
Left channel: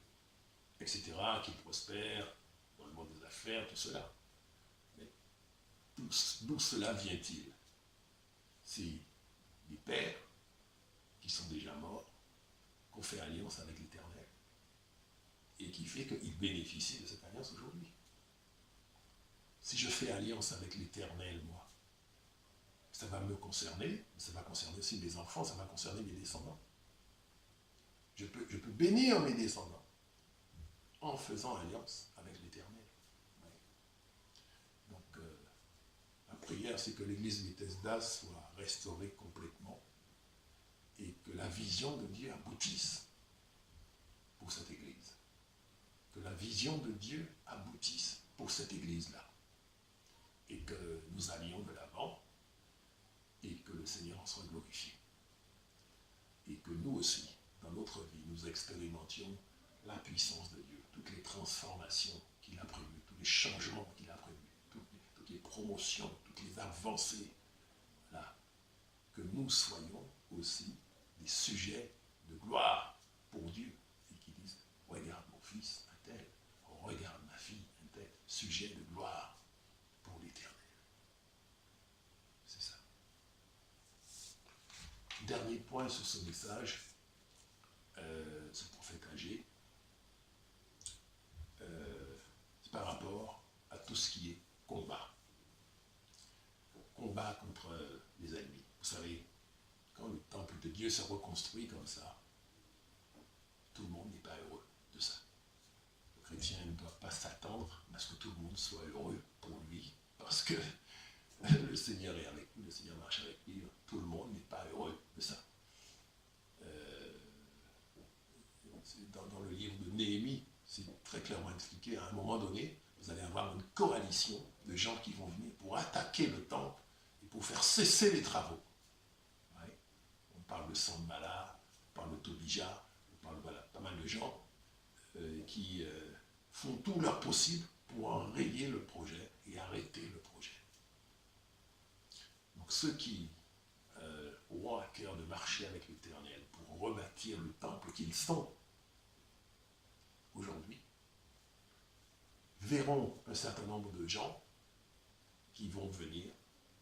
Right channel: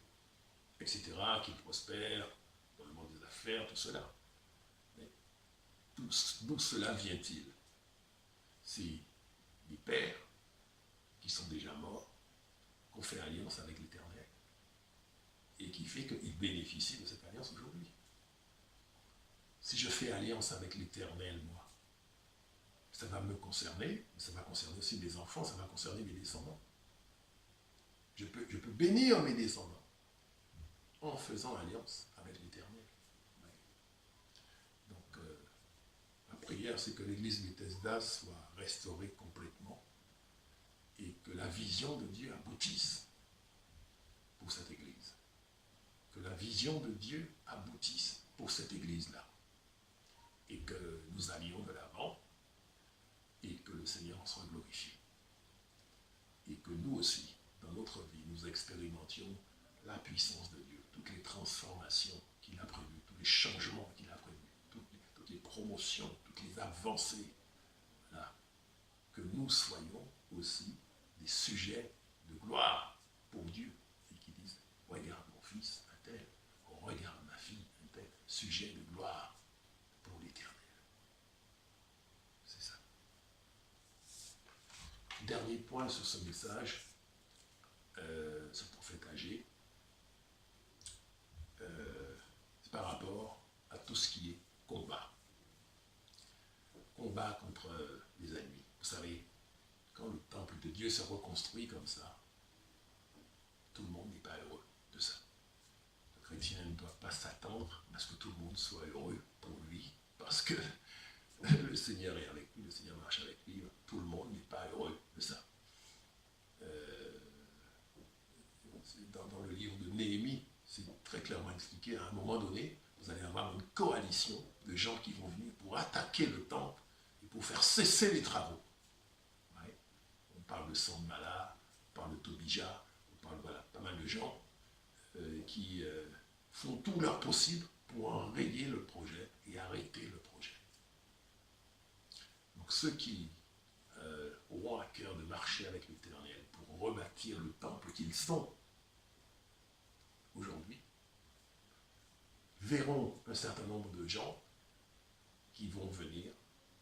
etc., qu'ils prospèrent dans le monde des affaires, tout cela. Mais d'où cela vient-il? C'est des pères qui sont déjà morts, qui ont fait alliance avec l'Éternel, et qui fait qu'ils bénéficient de cette alliance aujourd'hui. Si je fais alliance avec l'Éternel, moi, ça va me concerner, ça va concerner aussi mes enfants, ça va concerner mes descendants. Je peux bénir mes descendants en faisant alliance avec l'Éternel. Ouais. Donc, ma prière, c'est que l'église Bethesda soit restaurée complètement et que la vision de Dieu aboutisse pour cette église. Que la vision de Dieu aboutisse pour cette église-là. Et que nous allions de l'avant et que le Seigneur soit glorifié. Et que nous aussi, dans notre vie, nous expérimentions la puissance de Dieu, toutes les transformations qu'il a prévues, tous les changements qu'il a prévus, toutes les promotions, toutes les avancées. Voilà. Que nous soyons aussi des sujets de gloire pour Dieu et qui disent, regarde mon fils, un tel, regarde ma fille, un tel, sujet de gloire pour l'Éternel. C'est ça. Dernier point sur ce message, ce prophète âgé, c'est par rapport à tout ce qui est combat. Combat contre les ennemis. Vous savez, quand le temple de Dieu se reconstruit comme ça, tout le monde n'est pas heureux de ça. Le chrétien ne doit pas s'attendre à ce que tout le monde soit heureux pour lui, parce que le Seigneur est avec lui, le Seigneur marche avec lui, tout le monde n'est pas heureux de ça. Dans le livre de Néhémie, c'est très clairement expliqué, à un moment donné, vous allez avoir une coalition de gens qui vont venir pour attaquer le temple et pour faire cesser les travaux. Ouais. On parle de Sanballat, on parle de Tobija, on parle voilà, pas mal de gens qui font tout leur possible pour enrayer le projet et arrêter le projet. Donc ceux qui auront à cœur de marcher avec l'Éternel pour rebâtir le temple qu'ils sont aujourd'hui, verront un certain nombre de gens qui vont venir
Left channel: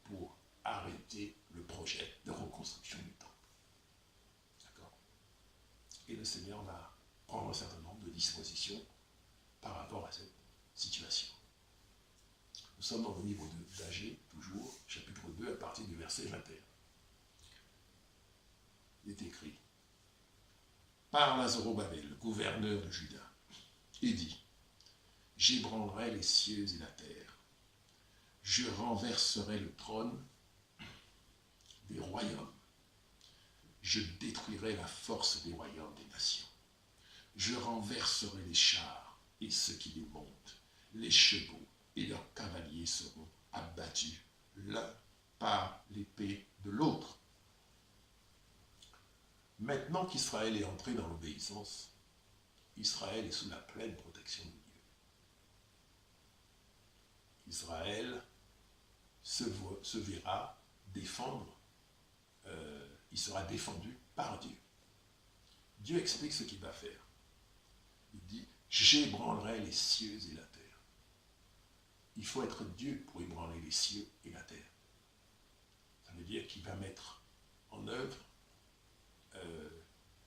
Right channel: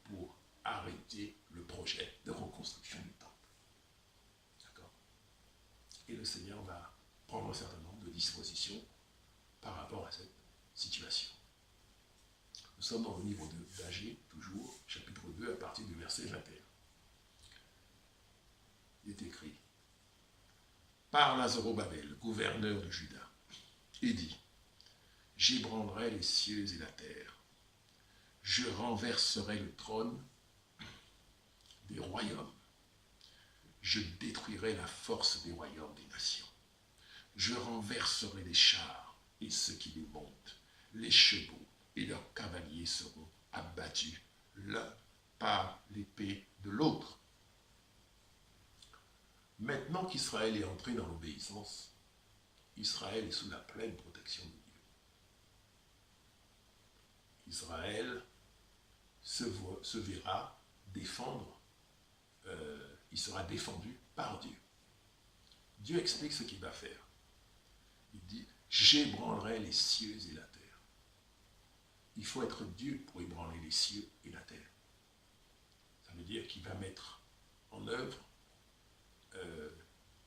pour arrêter le projet de reconstruction du temple. D'accord? Et le Seigneur va prendre un certain nombre de dispositions par rapport à cette situation. Nous sommes dans le livre d'Agé, toujours, chapitre 2, à partir du verset 21. Il est écrit: Parle à Zorobabel, gouverneur de Juda, et dit: J'ébranlerai les cieux et la terre, je renverserai le trône des royaumes, je détruirai la force des royaumes des nations, je renverserai les chars et ceux qui les montent, les chevaux et leurs cavaliers seront abattus l'un par l'épée de l'autre. Maintenant qu'Israël est entré dans l'obéissance, Israël est sous la pleine protection de Dieu. Israël se verra défendre, il sera défendu par Dieu. Dieu explique ce qu'il va faire. Il dit, j'ébranlerai les cieux et la terre. Il faut être Dieu pour ébranler les cieux et la terre. Ça veut dire qu'il va mettre en œuvre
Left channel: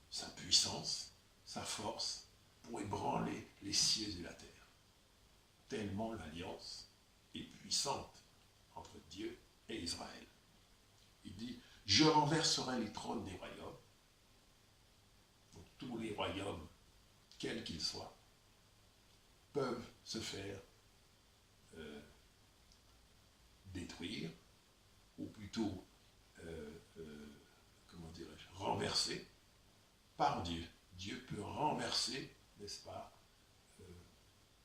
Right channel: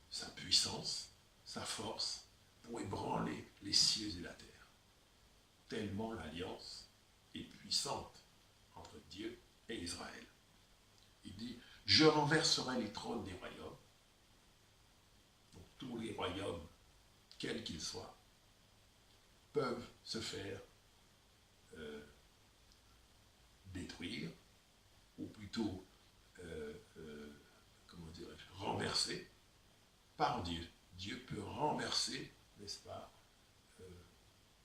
sa puissance, sa force, pour ébranler les cieux et la terre. Tellement l'alliance est puissante entre Dieu et Israël. Il dit, je renverserai les trônes des royaumes. Donc tous les royaumes, quels qu'ils soient, peuvent se faire détruire, ou plutôt, comment dirais-je, renverser par Dieu. Dieu peut renverser, n'est-ce pas,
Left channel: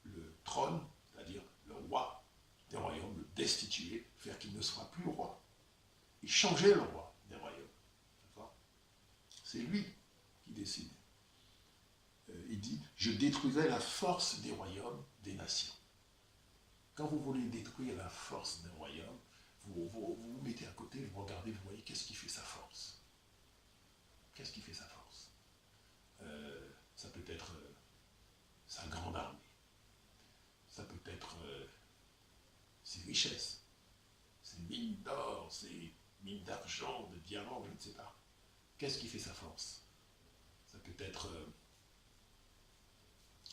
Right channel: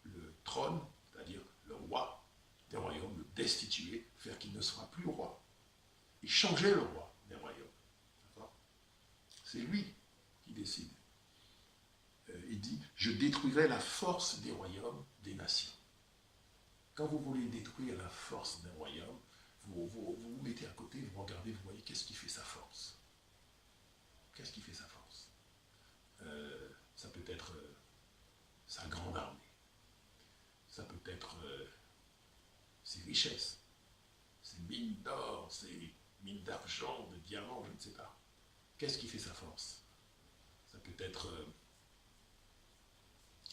le trône, c'est-à-dire le roi des royaumes, le destituer, faire qu'il ne soit plus roi, et changer le roi des royaumes. C'est lui qui décide. Il dit, je détruirai la force des royaumes des nations. Quand vous voulez détruire la force d'un royaume, vous mettez à côté, vous regardez, vous voyez, qu'est-ce qui fait sa force? Qu'est-ce qui fait sa force? Ça peut être sa grande armée. Ça peut être ses richesses, ses mines d'or, ses mines d'argent, de diamants, je ne sais pas. Qu'est-ce qui fait sa force? Ça peut être,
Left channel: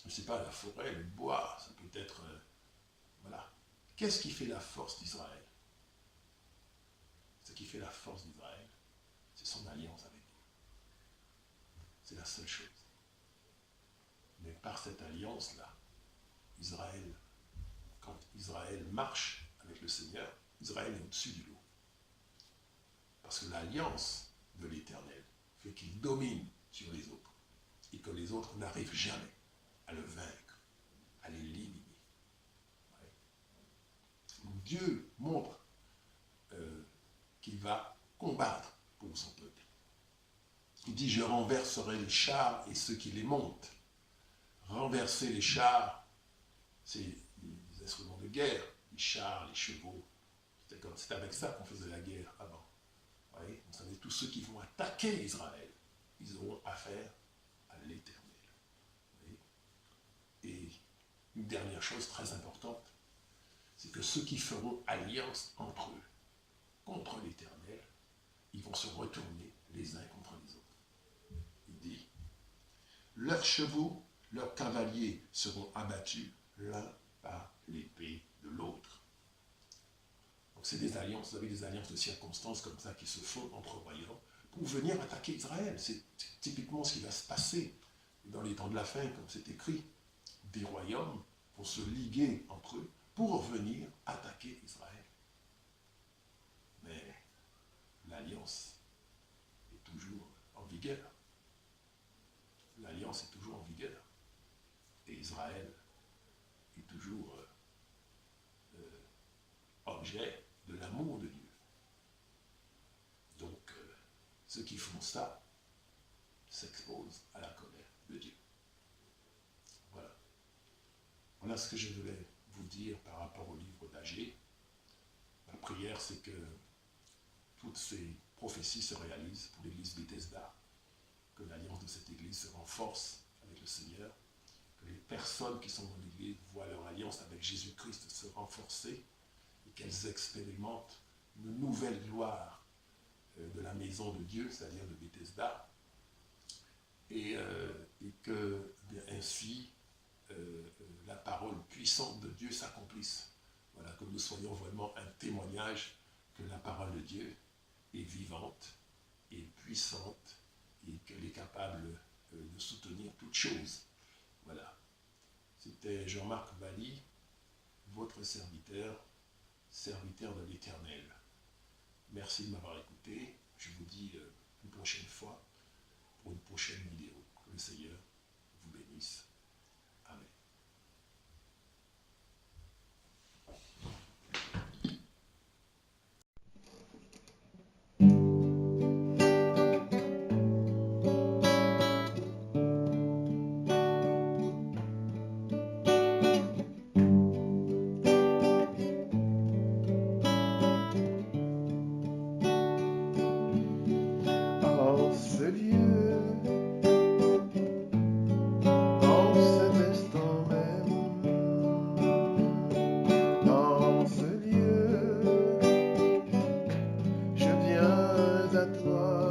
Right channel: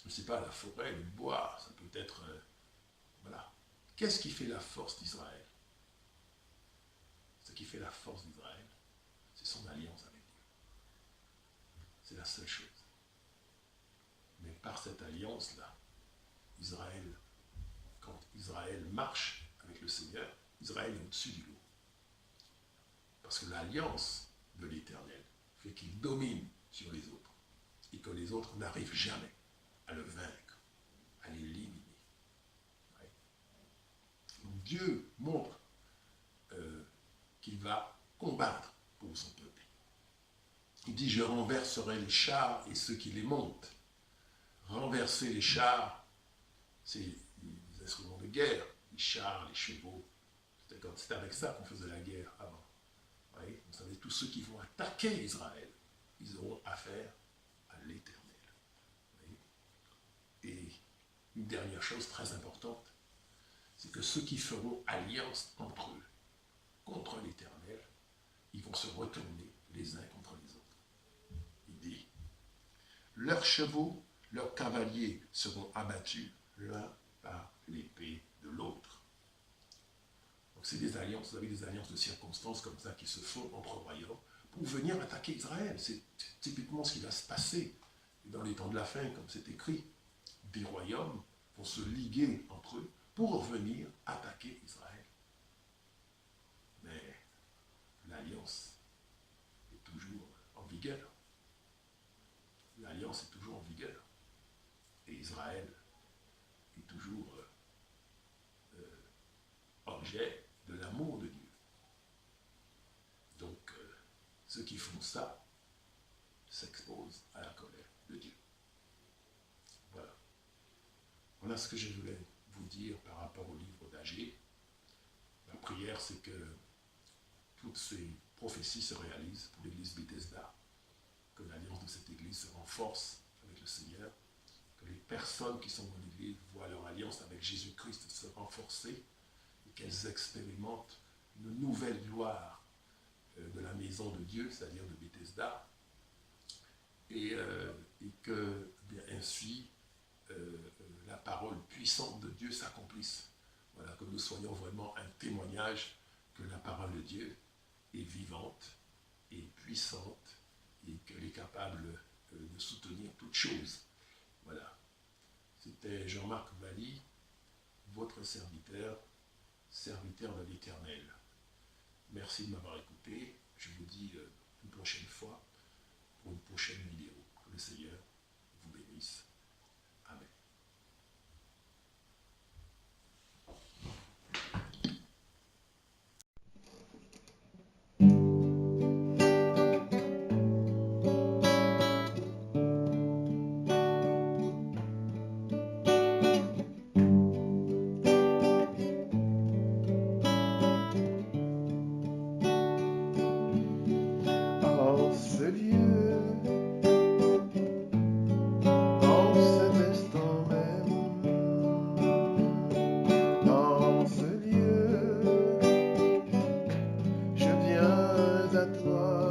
je ne sais pas, la forêt, le bois, ça peut être, voilà. Qu'est-ce qui fait la force d'Israël? Ce qui fait la force d'Israël, c'est son alliance avec Dieu. C'est la seule chose. Mais par cette alliance-là, Israël, quand Israël marche avec le Seigneur, Israël est au-dessus du lot. Parce que l'alliance de l'Éternel fait qu'il domine sur les autres et que les autres n'arrivent jamais à le vaincre, à l'éliminer. Ouais. Donc Dieu montre qu'il va combattre pour son peuple. Il dit, je renverserai les chars et ceux qui les montent. Renverser les chars, c'est les instruments de guerre, les chars, les chevaux. C'était avec ça qu'on faisait la guerre avant. Vous savez, tous ceux qui vont attaquer Israël, ils auront affaire à l'Éternel. Et une dernière chose très importante, c'est que ceux qui feront alliance entre eux, contre l'Éternel, ils vont se retourner les uns contre les autres. Il dit, leurs chevaux, leurs cavaliers seront abattus l'un par l'épée de l'autre. Donc c'est des alliances, vous avez des alliances de circonstances comme ça qui se font entre royaumes pour venir attaquer Israël. C'est typiquement ce qui va se passer dans les temps de la fin, comme c'est écrit. Des royaumes vont se liguer entre eux pour venir attaquer Israël. Mais l'alliance est toujours en vigueur. L'alliance est toujours en vigueur. Et Israël est toujours objet de l'amour de Dieu. Donc, ceux qui font ça s'exposent à la colère de Dieu. Voilà. Voilà ce que je voulais vous dire par rapport au livre d'Agée. Ma prière, c'est que toutes ces prophéties se réalisent pour l'église Bethesda, que l'alliance de cette église se renforce avec le Seigneur, que les personnes qui sont dans l'église voient leur alliance avec Jésus-Christ se renforcer et qu'elles expérimentent une nouvelle gloire de la maison de Dieu, c'est-à-dire de Bethesda, et que bien ainsi la parole puissante de Dieu s'accomplisse. Voilà, que nous soyons vraiment un témoignage que la parole de Dieu est vivante et puissante et qu'elle est capable de soutenir toutes choses. Voilà. C'était Jean-Marc Valli, votre serviteur, serviteur de l'Éternel. Merci de m'avoir écouté. Je vous dis une prochaine fois pour une prochaine vidéo. Que le Seigneur vous bénisse. Amen. lieu, en cet instant même, dans ce lieu, je viens à toi.